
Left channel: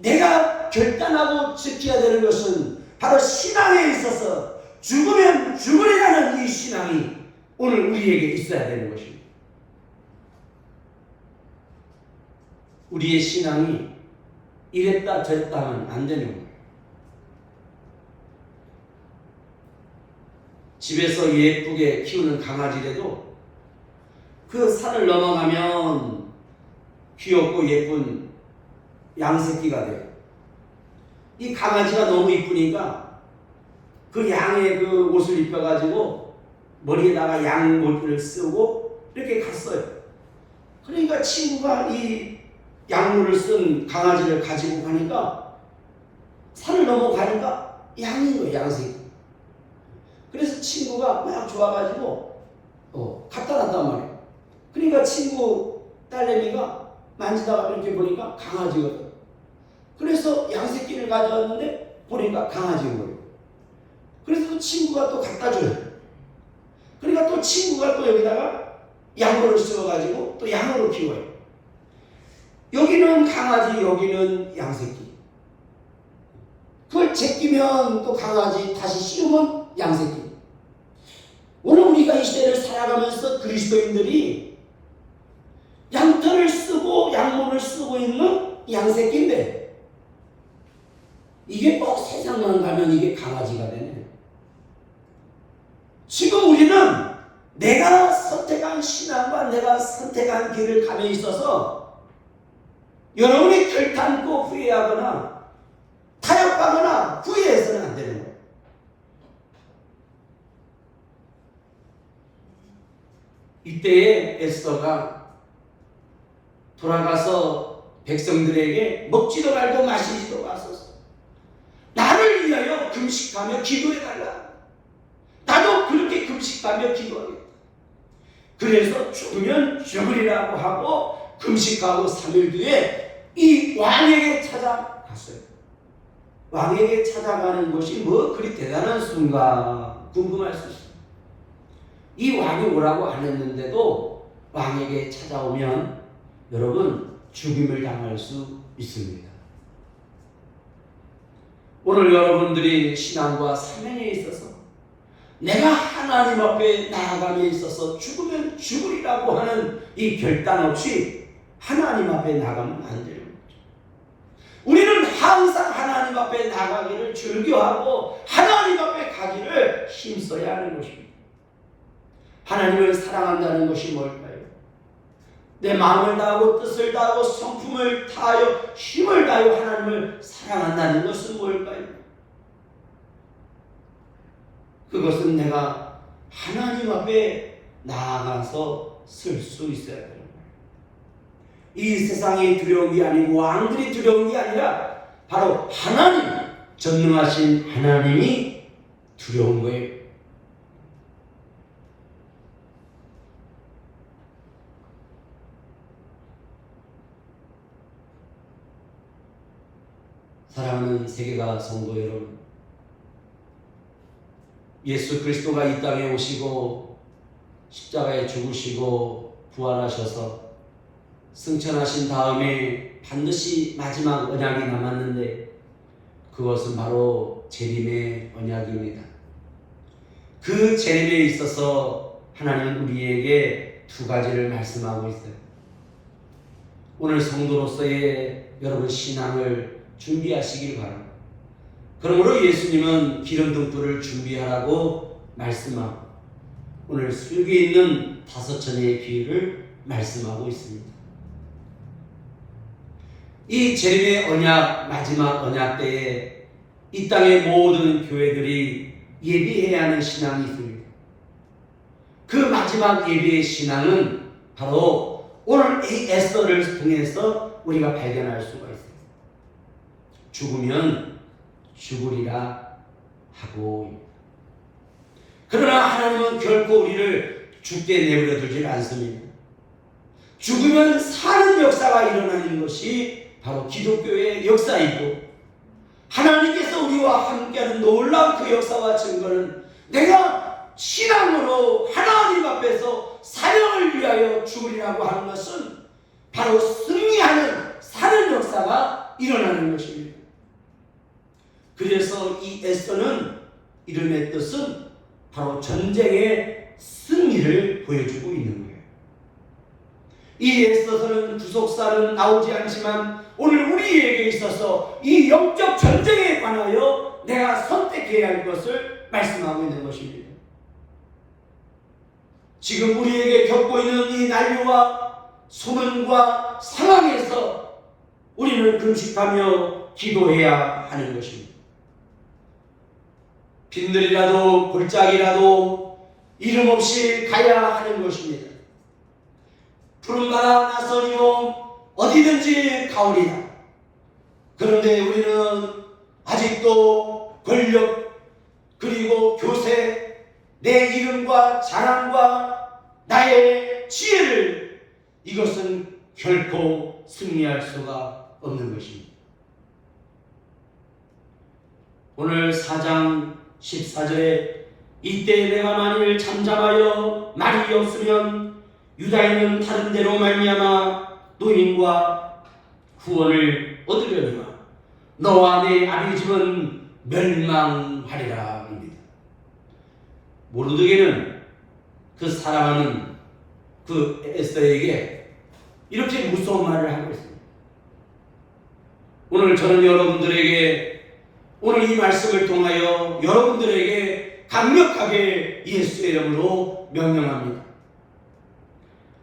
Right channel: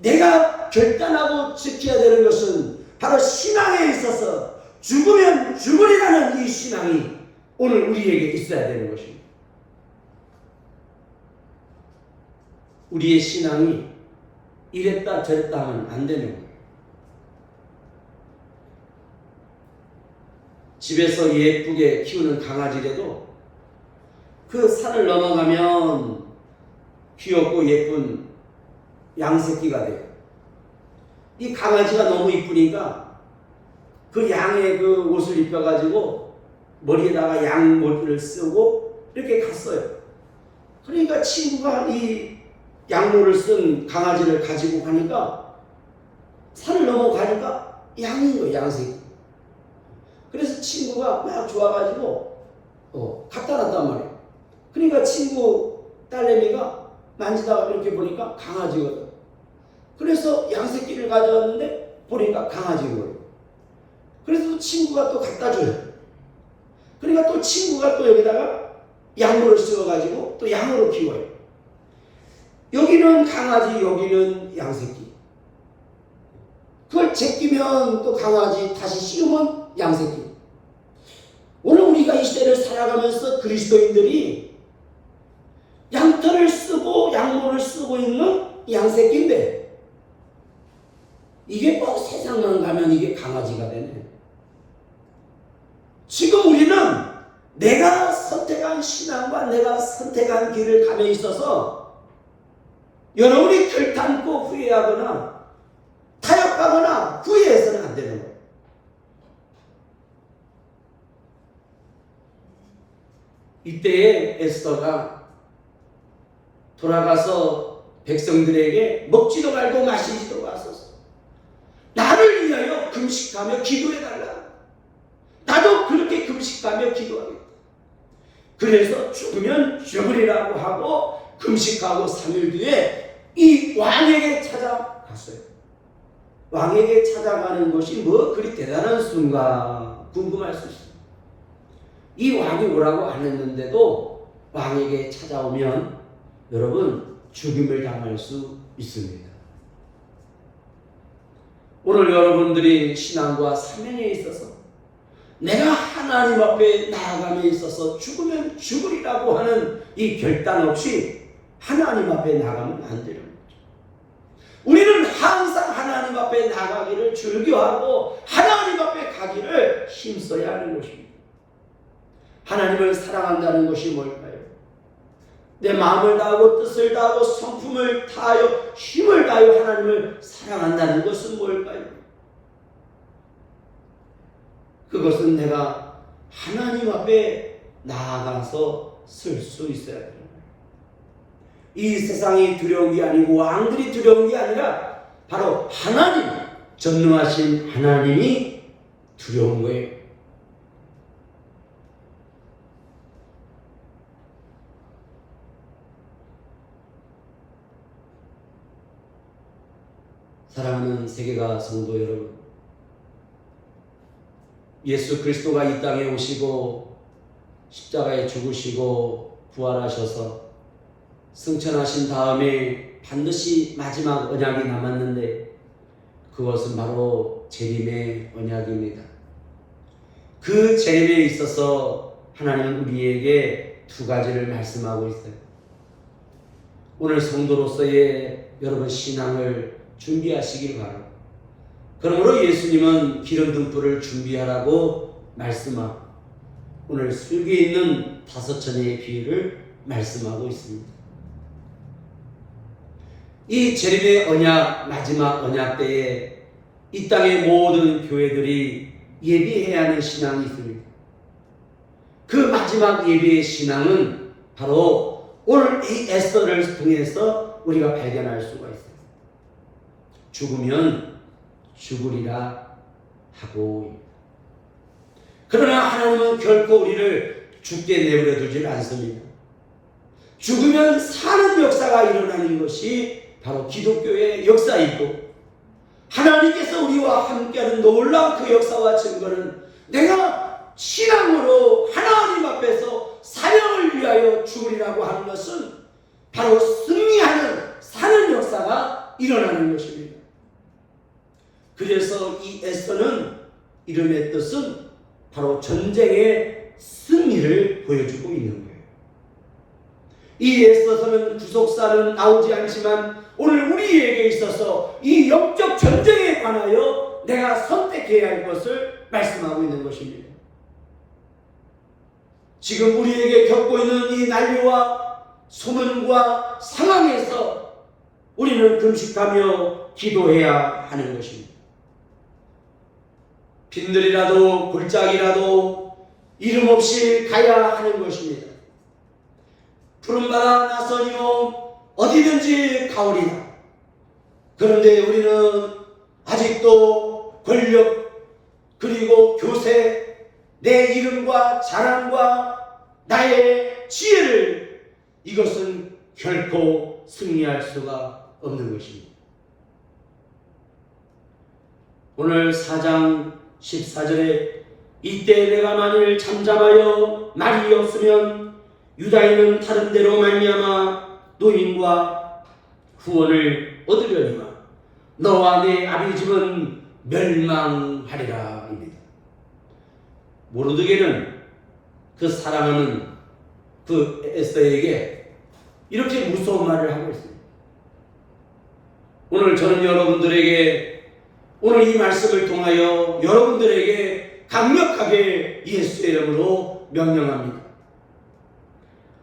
내가 결단하고 지켜야 되는 것은 바로 신앙에 있어서 죽으면 죽으리라는 이 신앙이 오늘 우리에게 있어야 되는 것입니다. 우리의 신앙이 이랬다 저랬다 하면 안 되는 거예요. 집에서 예쁘게 키우는 강아지라도 그 산을 넘어가면 귀엽고 예쁜 양새끼가 돼요. 이 강아지가 너무 이쁘니까 그 양의 그 옷을 입혀가지고 머리에다가 양모를 쓰고 이렇게 갔어요. 그러니까 친구가 이 양모를 쓴 강아지를 가지고 가니까 산을 넘어가니까 양인 거예요, 양새끼. 그래서 친구가 막 좋아가지고 갖다 놨단 말이에요. 그러니까 친구 딸내미가 만지다가 이렇게 보니까 강아지거든. 그래서 양새끼를 가져왔는데 보니까 강아지인 거예요. 그래서 또 친구가 또 갖다 줘요. 그러니까 또 친구가 또 여기다가 양모를 씌워가지고 또 양으로 키워요. 여기는 강아지, 여기는 양새끼. 그걸 제끼면 또 강아지, 다시 씌우면 양새끼. 오늘 우리가 이 시대를 살아가면서 그리스도인들이 양털을 쓰고 양모를 쓰고 있는 양새끼인데, 이게 꼭 세상만 가면 이게 강아지가 되네. 지금 우리는 내가 선택한 신앙과 내가 선택한 길을 감에 있어서 여러분이 결단코 후회하거나 타협하거나 후회해서는 안 되는 거예요. 이때에 에스더가 돌아가서 백성들에게 먹지도 말고 마시지도 마소서, 나를 위하여 금식하며 기도해달라. 나도 그렇게 금식하며 기도하겠다. 그래서 죽으면 죽으리라고 하고 금식하고 3일 뒤에 이 왕에게 찾아갔어요. 왕에게 찾아가는 것이 뭐 그리 대단한 순간 궁금할 수 있어요. 이 왕이 오라고 안 했는데도 왕에게 찾아오면 여러분 죽임을 당할 수 있습니다. 오늘 여러분들이 신앙과 사명에 있어서 내가 하나님 앞에 나아감에 있어서 죽으면 죽으리라고 하는 이 결단 없이 하나님 앞에 나가면 안 되는 거죠. 우리는 항상 하나님 앞에 나가기를 즐겨하고 하나님 앞에 가기를 힘써야 하는 것입니다. 하나님을 사랑한다는 것이 뭘까요? 내 마음을 다하고 뜻을 다하고 성품을 다하여 힘을 다하여 하나님을 사랑한다는 것은 뭘까요? 그것은 내가 하나님 앞에 나아가서 쓸 수 있어야 되는 거예요. 이 세상이 두려운 게 아니고 왕들이 두려운 게 아니라 바로 하나님, 전능하신 하나님이 두려운 거예요. 사랑하는 세계가 성도 여러분, 예수 그리스도가 이 땅에 오시고 십자가에 죽으시고 부활하셔서 승천하신 다음에 반드시 마지막 언약이 남았는데 그것은 바로 재림의 언약입니다. 그 재림에 있어서 하나님은 우리에게 두 가지를 말씀하고 있어요. 오늘 성도로서의 여러분 신앙을 준비하시길 바랍니다. 그러므로 예수님은 기름 등불을 준비하라고 말씀하고 오늘 슬기에 있는 5천의 비유를 말씀하고 있습니다. 이 재림의 언약, 마지막 언약 때에 이 땅의 모든 교회들이 예비해야 하는 신앙이 있습니다. 그 마지막 예비의 신앙은 바로 오늘 이 에스더를 통해서 우리가 발견할 수가 있어요. 죽으면 죽으리라 하고, 그러나 하나님은 결코 우리를 죽게 내버려 두질 않습니다. 죽으면 사는 역사가 일어나는 것이 바로 기독교의 역사이고, 하나님께서 우리와 함께하는 놀라운 그 역사와 증거는 내가 신앙으로 하나님 앞에서 사명을 위하여 죽으리라고 하는 것은 바로 승리하는 사는 역사가 일어나는 것입니다. 그래서 이 에스더는 이름의 뜻은 바로 전쟁의 승리를 보여주고 있는 거예요. 이 에스더서는 구속사는 나오지 않지만 오늘 우리에게 있어서 이 영적 전쟁에 관하여 내가 선택해야 할 것을 말씀하고 있는 것입니다. 지금 우리에게 겪고 있는 이 난리와 소문과 상황에서 우리는 금식하며 기도해야 하는 것입니다. 빈들이라도 골짜기라도 이름 없이 가야 하는 것입니다. 푸른바다 나서니요 어디든지 가오리다. 그런데 우리는 아직도 권력 그리고 교세, 내 이름과 자랑과 나의 지혜를, 이것은 결코 승리할 수가 없는 것입니다. 오늘 4장 14절에 이때 내가 만일 잠잠하여 말이 없으면 유다인은 다른 데로 말미암아 노인과 구원을 얻으려니와 너와 내 아비 집은 멸망하리라 합니다. 모르드게는 그 사랑하는 그 에스더에게 이렇게 무서운 말을 하고 있습니다. 오늘 저는 여러분들에게 오늘 이 말씀을 통하여 여러분들에게 강력하게 예수의 이름으로 명령합니다.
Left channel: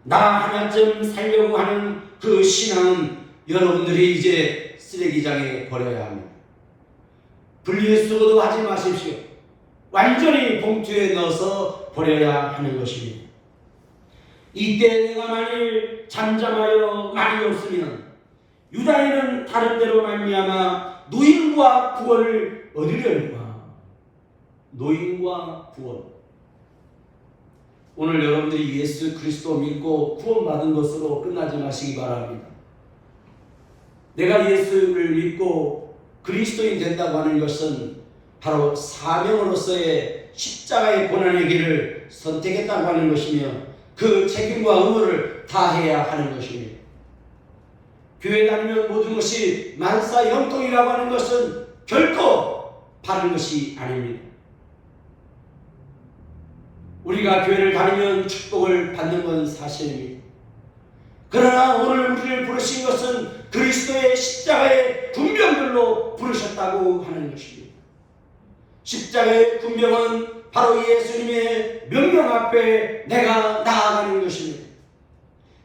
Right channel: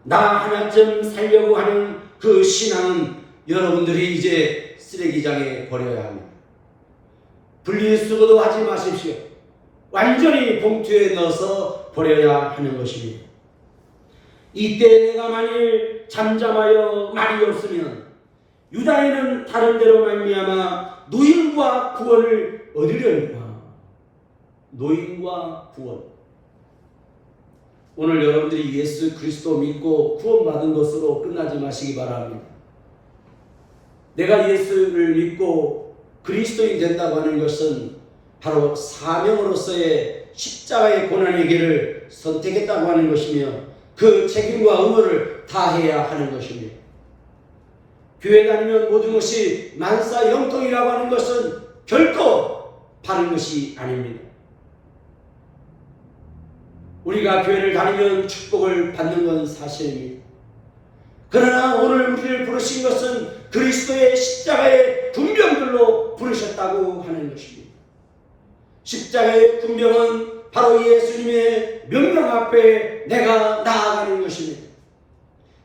나 하나쯤 살려고 하는 그 신앙은 여러분들이 이제 쓰레기장에 버려야 합니다. 분리수거도 하지 마십시오. 완전히 봉투에 넣어서 버려야 하는 것입니다. 이때 내가 만일 잠잠하여 말이 없으면 유다인은 다른 데로 말미암아 노임과 구원을 얻으려니와. 노임과 구원. 오늘 여러분들이 예수 그리스도 믿고 구원받은 것으로 끝나지 마시기 바랍니다. 내가 예수를 믿고 그리스도인 된다고 하는 것은 바로 사명으로서의 십자가의 고난의 길을 선택했다고 하는 것이며 그 책임과 의무를 다해야 하는 것입니다. 교회 다니면 모든 것이 만사형통이라고 하는 것은 결코 바른 것이 아닙니다. 우리가 교회를 다니면 축복을 받는 건 사실입니다. 그러나 오늘 우리를 부르신 것은 그리스도의 십자가의 군병들로 부르셨다고 하는 것입니다. 십자가의 군병은 바로 예수님의 명령 앞에 내가 나아가는 것입니다.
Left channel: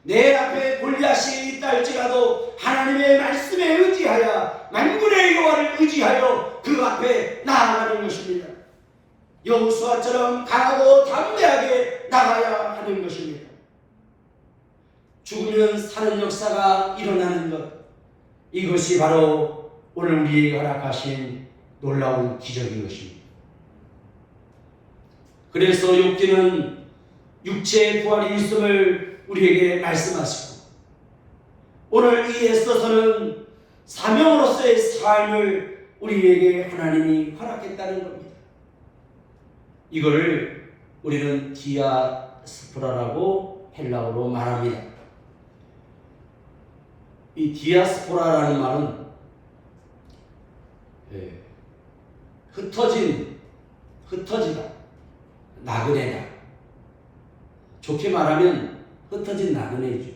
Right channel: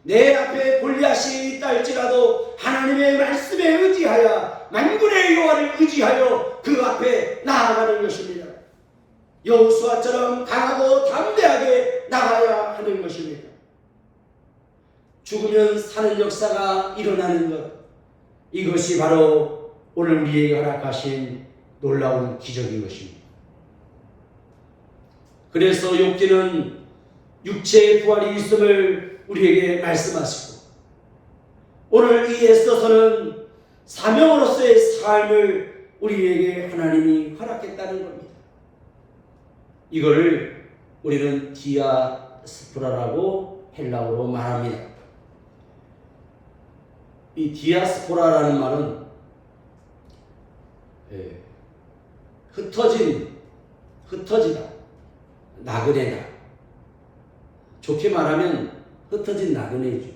내 앞에 골리앗이 있다 할지라도 하나님의 말씀에 의지하여 만군의 여호와를 의지하여 그 앞에 나아가는 것입니다. 여호수아처럼 강하고 담대하게 나가야 하는 것입니다. 죽으면 사는 역사가 일어나는 것, 이것이 바로 오늘 우리에게 허락하신 놀라운 기적인 것입니다. 그래서 욥기는 육체의 부활이 있음을 우리에게 말씀하시고 오늘 이 에스더서는 사명으로서의 삶을 우리에게 하나님이 허락했다는 겁니다. 이거를 우리는 디아스포라라고 헬라어로 말합니다. 이 디아스포라라는 말은 흩어지다, 나그네다. 좋게 말하면 흩어진 나그네이죠.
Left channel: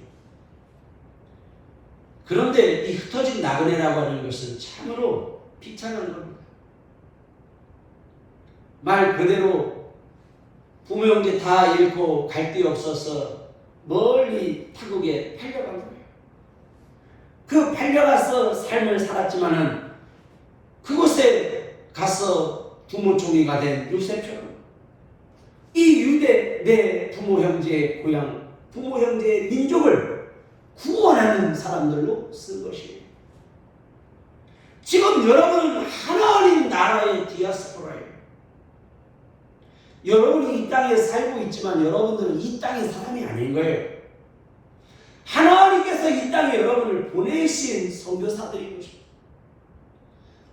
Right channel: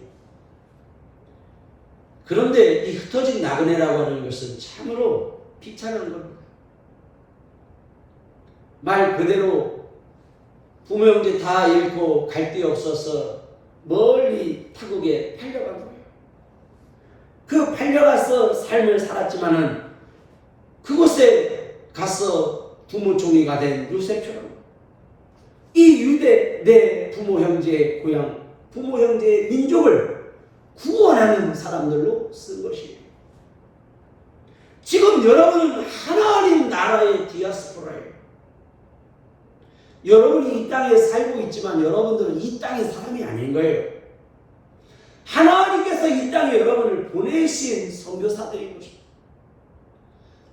그런데 이 흩어진 나그네라고 하는 것은 참으로 비참한 겁니다. 말 그대로 부모 형제 다 잃고 갈 데 없어서 멀리 타국에 팔려간 거예요. 그 팔려가서 삶을 살았지만은 그곳에 가서 부모 종이가 된 요셉처럼 이 유대 내 부모 형제의 고향, 부모 형제의 민족을 구원하는 사람들로 쓴 것이에요. 지금 여러분은 하나님 나라의 디아스포라예요. 여러분이 이 땅에 살고 있지만 여러분들은 이 땅의 사람이 아닌 거예요. 하나님께서 이 땅에 여러분을 보내신 선교사들인 것입니다.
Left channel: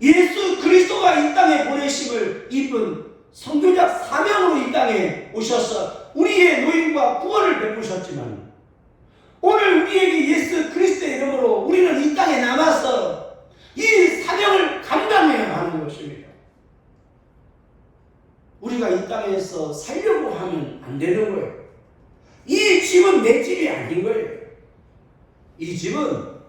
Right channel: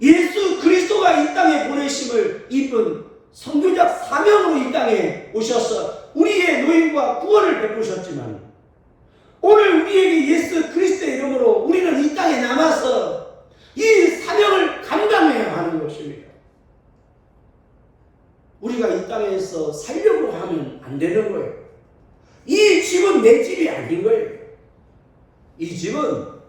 예수 그리스도가 이 땅에 보내심을 입은 선교적 사명으로 이 땅에 오셔서 우리의 노임과 구원을 베푸셨지만 오늘 우리에게 예수 그리스도의 이름으로 우리는 이 땅에 남아서 이 사명을 감당해야 하는 것입니다. 우리가 이 땅에서 살려고 하면 안 되는 거예요. 이 집은 내 집이 아닌 거예요. 이 집은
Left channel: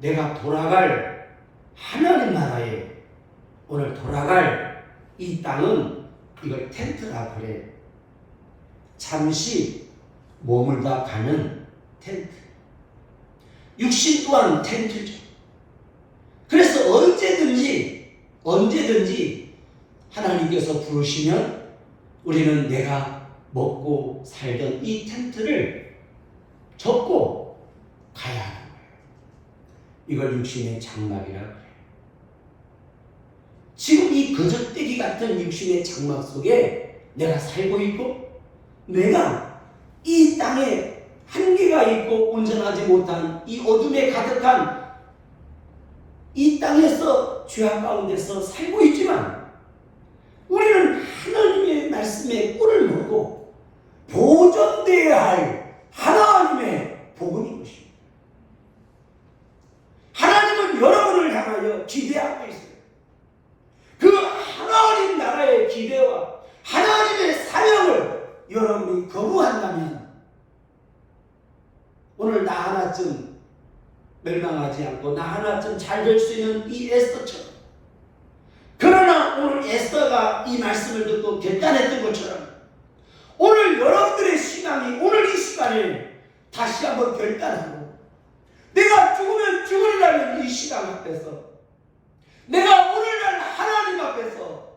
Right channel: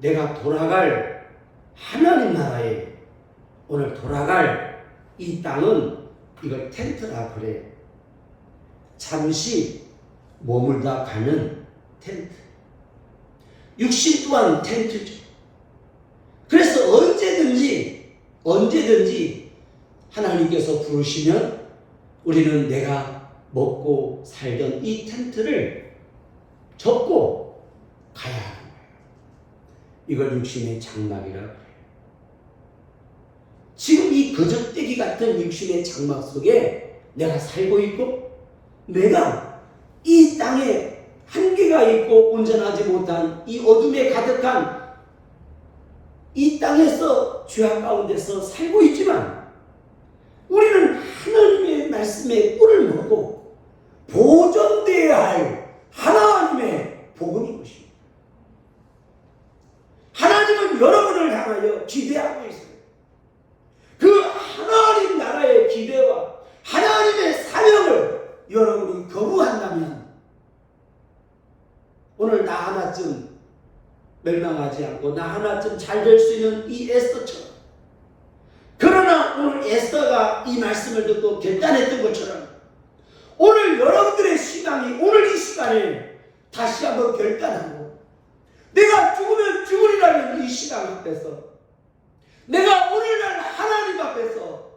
내가 돌아갈 하나님 나라에 오늘 돌아갈 이 땅은 이걸 텐트라 그래요. 잠시 머물다 가는 텐트. 육신 또한 텐트죠. 그래서 언제든지 하나님께서 부르시면 우리는 내가 먹고 살던 이 텐트를 접고 가야 하는 거예요. 이걸 육신의 장막이라고 해요. 지금 이 거적대기 같은 육신의 장막 속에 내가 살고 있고 내가 이 땅에 한계가 있고 온전하지 못한 이 어둠에 가득한 이 땅에서 죄악 가운데서 살고 있지만 우리는 하나님의 말씀에 꿀을 먹고 보존되어야 할 하나님의 복음인 것입니다. 위하여 기대하고 있어요. 그 하나님 나라의 기대와 하나님의 사명을 여러분이 거부한다면 오늘 나 하나쯤 멸망하지 않고 나 하나쯤 잘 될 수 있는 이 에스더처럼, 그러나 오늘 에스더가 이 말씀을 듣고 결단했던 것처럼 오늘 여러분들의 신앙이 오늘 이 시간에 다시 한번 결단하고 내가 죽으면 죽으리라는 이 신앙 앞에서, 내가 오늘날 하나님 앞에서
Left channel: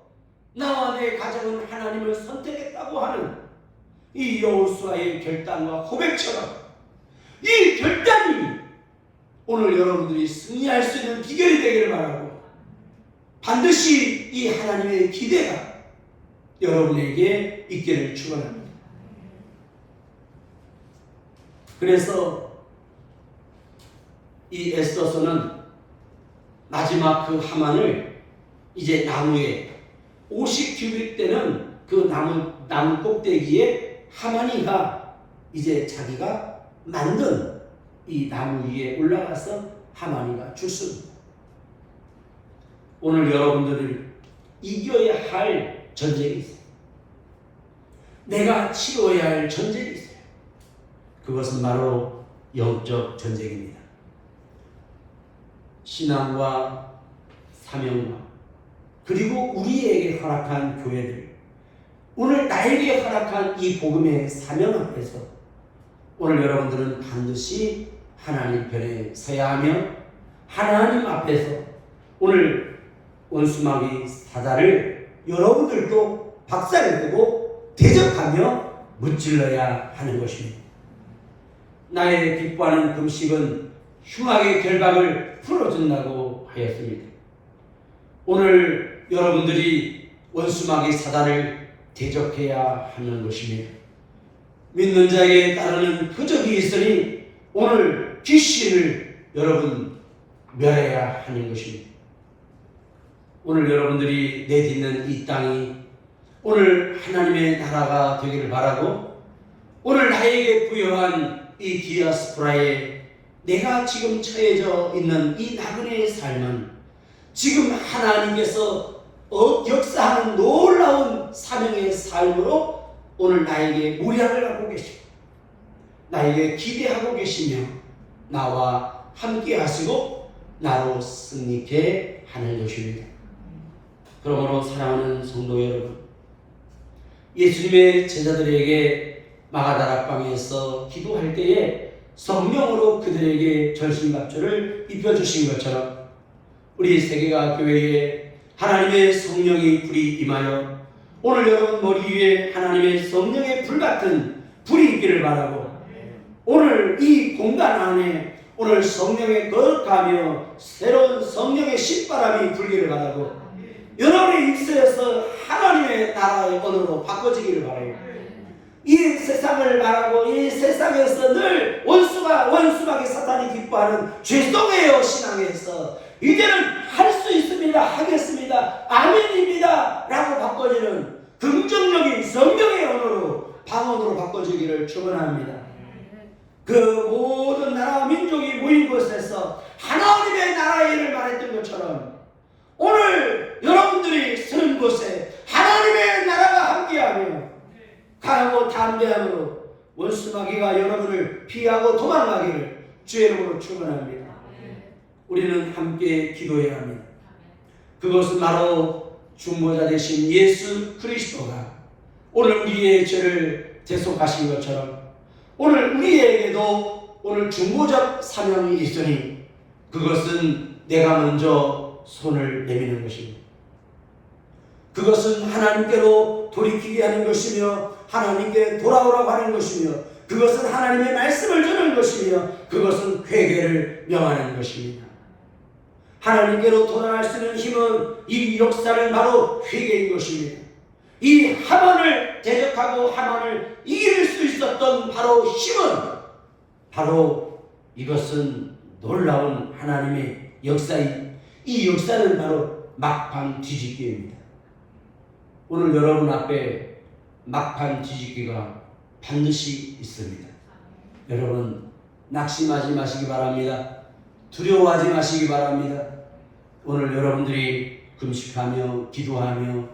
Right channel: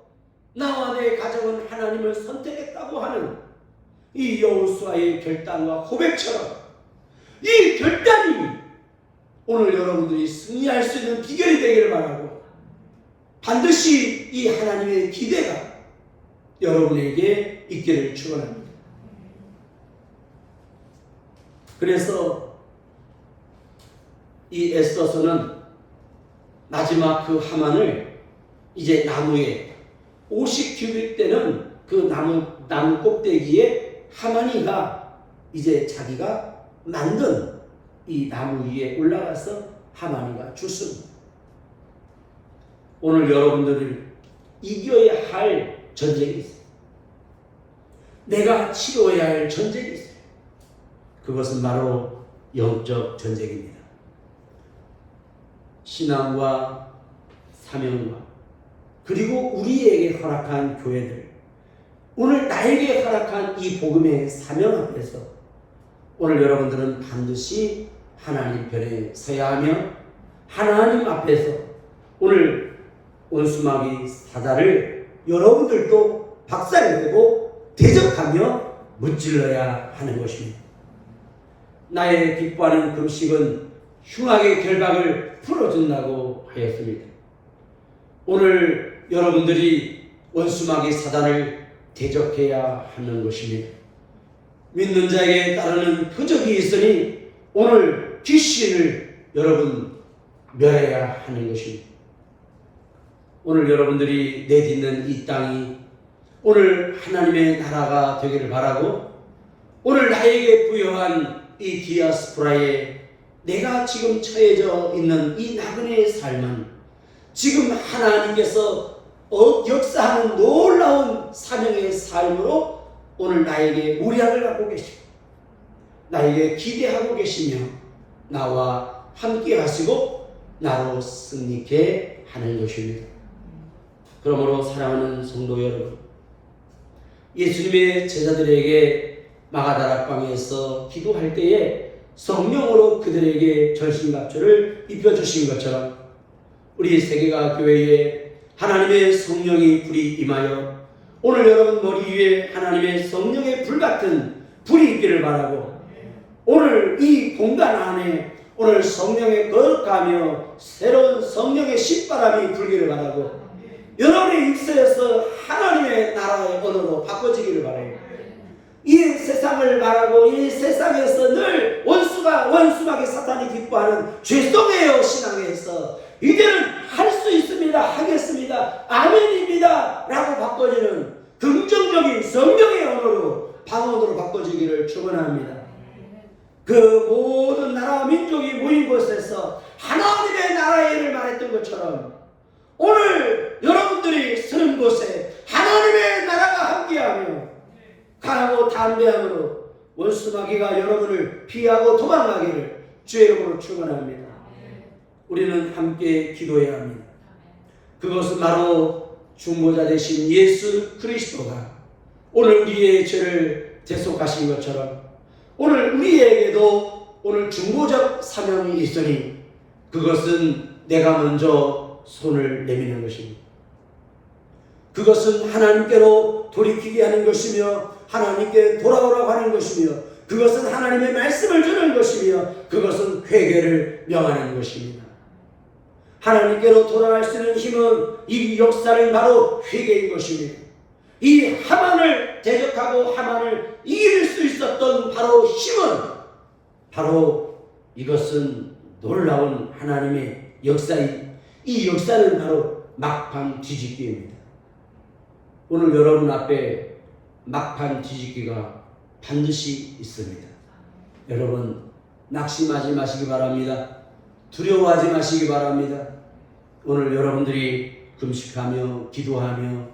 나와 내 가정은 하나님을 선택했다고 하는 이 여호수아의 결단과 고백처럼 이 결단이 오늘 여러분들이 승리할 수 있는 비결이 되기를 바라고, 반드시 이 하나님의 기대가 여러분에게 있기를 축원합니다. 그래서 이 에스더서는 마지막 그 하만을 이제 나무에 50규빗 되는 그 나무 꼭대기에 하만이가 이제 자기가 만든 이 나무 위에 올라가서 하만이가 죽습니다. 오늘 여러분들을 이겨야 할 전쟁이 있어요. 내가 치러야 할 전쟁이 있어요. 그것은 바로 영적 전쟁입니다. 신앙과 사명과 그리고 우리에게 허락한 교회들, 오늘 나에게 허락한 이 복음의 사명 앞에서 오늘 여러분들은 반드시 하나님 편에 서야 하며 하나님 앞에서 오늘 원수마귀 사자를 여러분들도 박살내고 대적하며 무찔러야 하는 것입니다. 나의 기뻐하는 금식은 흉악의 결박을 풀어준다고 하였습니다. 오늘 여러분들이 원수마귀 사단을 대적해야 하는 것입니다. 믿는 자에게 따르는 표적이 있으니 오늘 귀신을 여러분 멸해야 하는 것입니다. 오늘 여러분들이 내딛는 이 땅이 오늘 하나님의 나라가 되기를 바라고, 오늘 나에게 부여한 이 디아스포라에 내가 지금 처해져 있는 이 나그네의 삶은 지금 하나님께서 역사하는 놀라운 사명의 삶으로 오늘 나에게 모략을 갖고 계시고 나에게 기대하고 계시며 나와 함께 하시고 나로 승리케 하는 것입니다. 그러므로 사랑하는 성도 여러분, 예수님의 제자들에게 마가다락방에서 기도할 때에 성령으로 그들에게 전신갑주를 입혀주신 것처럼 우리 세계가 교회에 하나님의 성령이 불이 임하여 오늘 여러분 머리 위에 하나님의 성령의 불같은 불이 있기를 바라고, 오늘 이 공간 안에 오늘 성령의 거룩하며 새로운 성령의 신바람이 불기를 바라고, 여러분의 입술에서 하나님의 나라의 언어로 바꿔지기를 바라요. 이 세상을 바라고 이 세상에서 늘 원수마귀 사탄이 기뻐하는 죄송해요 신앙에서 이제는 할 수 있습니다, 하겠습니다, 아멘입니다 라고 바꿔지는 긍정적인 성령의 언어로 방언으로 바꿔지기를 축원합니다. 그 모든 나라와 민족이 모인 곳에서 하나님의 나라의 일을 말했던 것처럼 오늘 여러분들이 서는 곳에 하나님의 나라가 함께하며 강하고 담대함으로 원수마귀가 여러분을 피하고 도망가기를 주의 이름으로 축원합니다. 우리는 함께 기도해야 합니다. 그것은 바로 중보자 되신 예수 그리스도가 오늘 우리의 죄를 대속하신 것처럼 오늘 우리에게도 오늘 중보적 사명이 있으니 그것은 내가 먼저 손을 내미는 것입니다. 그것은 하나님께로 돌이키게 하는 것이며 하나님께 돌아오라고 하는 것이며 그것은 하나님의 말씀을 주는 것이며 그것은 회개를 명하는 것입니다. 하나님께로 돌아갈 수 있는 힘은 이 역사는 바로 회개인 것입니다. 이 하만을 대적하고 하만을 이길 수 있었던 바로 힘은 바로 이것은 놀라운 하나님의 역사인 이 역사는 바로 막판 뒤집기입니다. 오늘 여러분 앞에 막판 뒤집기가 반드시 있습니다. 여러분 낙심하지 마시기 바랍니다. 두려워하지 마시기 바랍니다. 오늘 여러분들이 금식하며 기도하며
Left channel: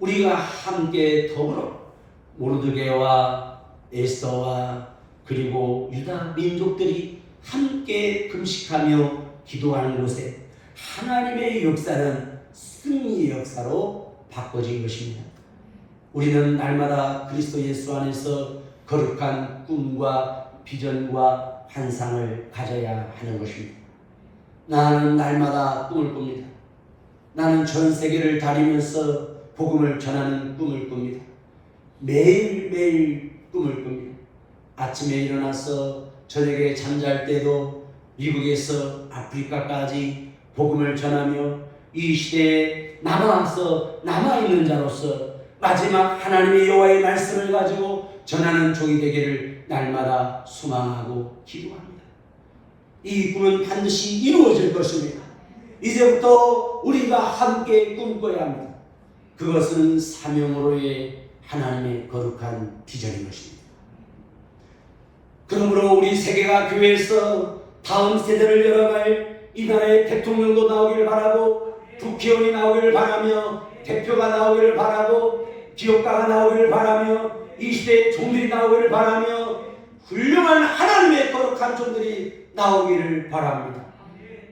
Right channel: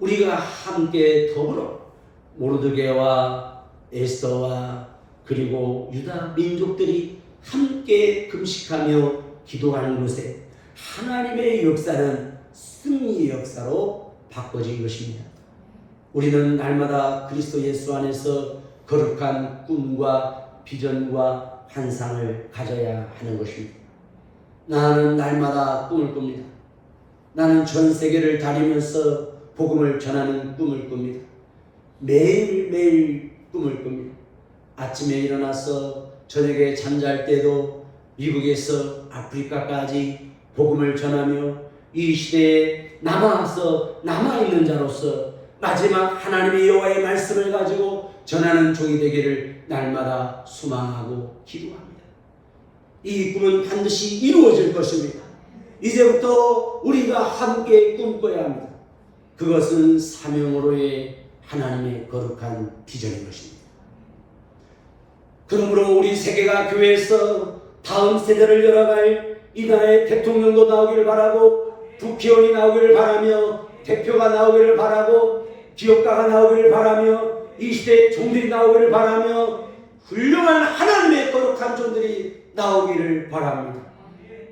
우리가 함께 더불어 모르드게와 에스더와 그리고 유다 민족들이 함께 금식하며 기도하는 곳에 하나님의 역사는 승리의 역사로 바꿔진 것입니다. 우리는 날마다 그리스도 예수 안에서 거룩한 꿈과 비전과 환상을 가져야 하는 것입니다. 나는 날마다 꿈을 꿉니다. 나는 전 세계를 다니면서 복음을 전하는 꿈을 꿉니다. 매일매일 꿈을 꿉니다. 아침에 일어나서 저녁에 잠잘 때도 미국에서 아프리카까지 복음을 전하며 이 시대에 남아있는 자로서 마지막 하나님의 여호와의 말씀을 가지고 전하는 종이 되기를 날마다 소망하고 기도합니다. 이 꿈은 반드시 이루어질 것입니다. 이제부터 우리가 함께 꿈꿔야 합니다. 그것은 사명으로의 하나님의 거룩한 비전인 것입니다. 그러므로 우리 세계가 교회에서 다음 세대를 열어갈 이 나라의 대통령도 나오기를 바라고 국회의원이 나오기를 바라며 대표가 나오기를 바라고 기업가가 나오기를 바라며 이 시대의 종들이 나오기를 바라며 훌륭한 하나님의 거룩한 종들이 나오기를 바랍니다.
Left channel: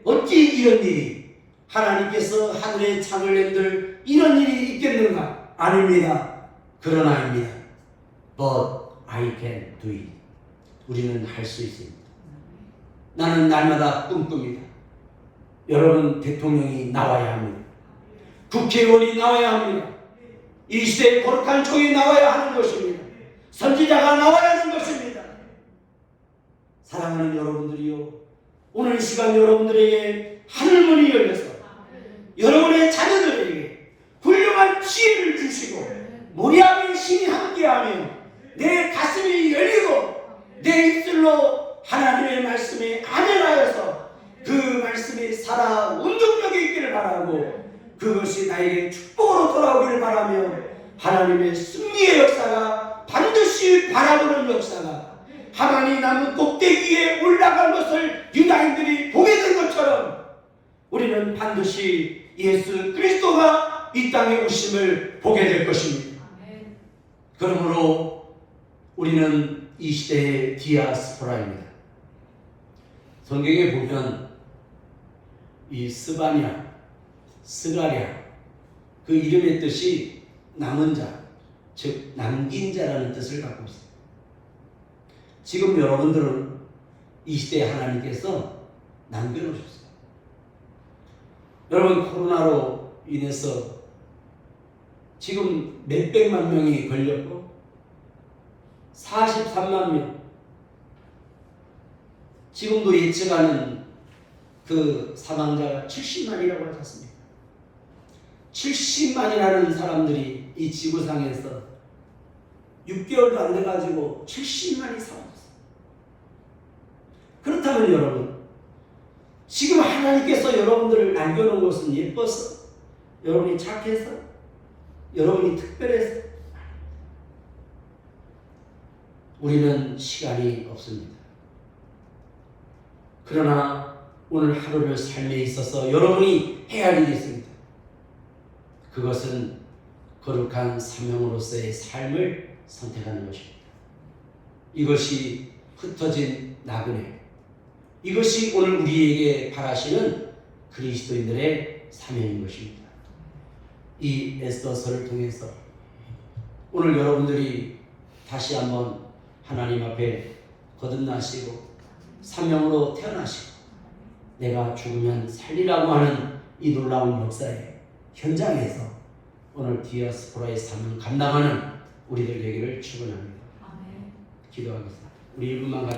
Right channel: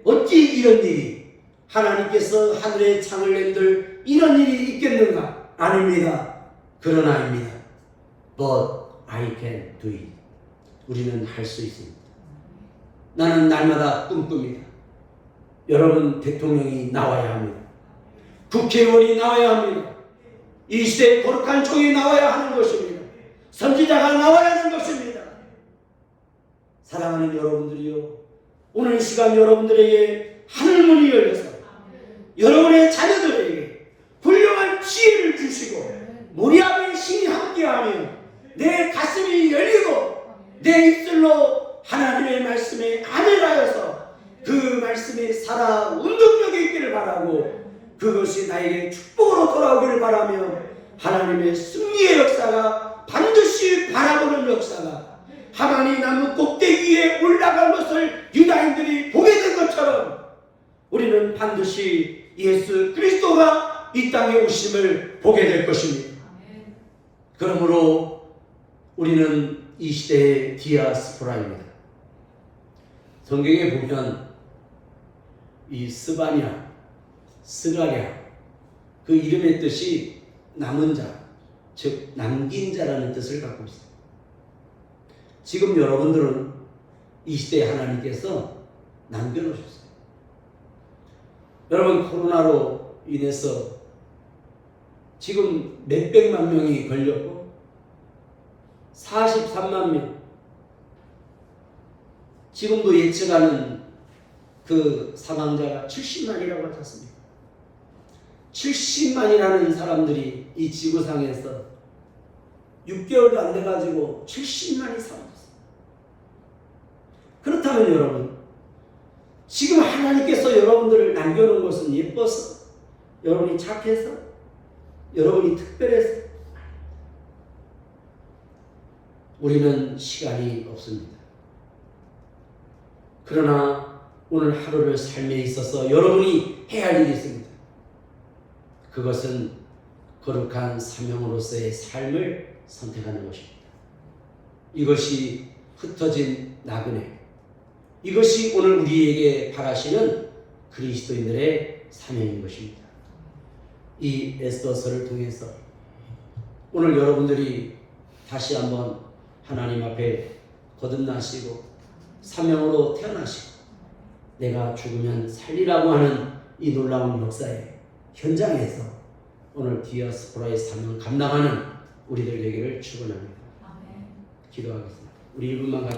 어찌 이런 일이 하나님께서 하늘에 창을 낸들 이런 일이 있겠는가? 아닙니다. 그러나입니다. But I can do it. 우리는 할 수 있습니다. 나는 날마다 꿈꿉니다. 여러분 대통령이 나와야 합니다. 국회의원이 나와야 합니다. 이 시대의 거룩한 종이 나와야 하는 것입니다. 선지자가 나와야 하는 것입니다. 사랑하는 여러분들이요, 오늘 시간 여러분들에게 하늘문이 열려서 여러분의 자녀들에게 훌륭한 지혜를 주시고 모리아의 신이 함께하며 내 가슴이 열리고 내 입술로 하나님의 말씀에 아멘하여서 그 말씀이 살아 운동력이 있기를 바라고 그것이 나에게 축복으로 돌아오기를 바라며 하나님의 승리의 역사가 반드시 바라보는 역사가 하나님 나무 꼭대기에 올라간 것을 유다인들이 보게 된 것처럼 우리는 반드시 예수 그리스도가 이 땅에 오심을 보게 될 것입니다. 그러므로 우리는 이 시대의 디아스포라입니다. 성경에 보면 이 스바냐, 스가랴 그 이름의 뜻이 남은 자, 즉 남긴 자라는 뜻을 갖고 있습니다. 지금 여러분들은 이 시대에 하나님께서 남겨놓으셨어요. 여러분 코로나로 인해서 지금 몇백만 명이 걸렸고 43만 명 지금도 예측하는 그 사망자가 70만이라고 하셨습니다. 70만이라는 사람들이 이 지구상에서 6개월도 안 돼가지고 70만이 사라졌어요. 그렇다면 여러분 지금 하나님께서 여러분들을 남겨놓은 것은 예뻐서 여러분이 착해서 여러분이 특별해서 우리는 시간이 없습니다. 그러나 오늘 하루를 삶에 있어서 여러분이 해야 할 일이 있습니다. 그것은 거룩한 사명으로서의 삶을 선택하는 것입니다. 이것이 흩어진 나그네, 이것이 오늘 우리에게 바라시는 그리스도인들의 사명인 것입니다. 이 에스더서를 통해서 오늘 여러분들이 다시 한번 하나님 앞에 거듭나시고 사명으로 태어나시고 내가 죽으면 살리라고 하는 이 놀라운 역사의 현장에서 오늘 디아스포라의 사명을 감당하는 우리들 되기를 축원합니다. 기도하겠습니다. 우리 1분만 같이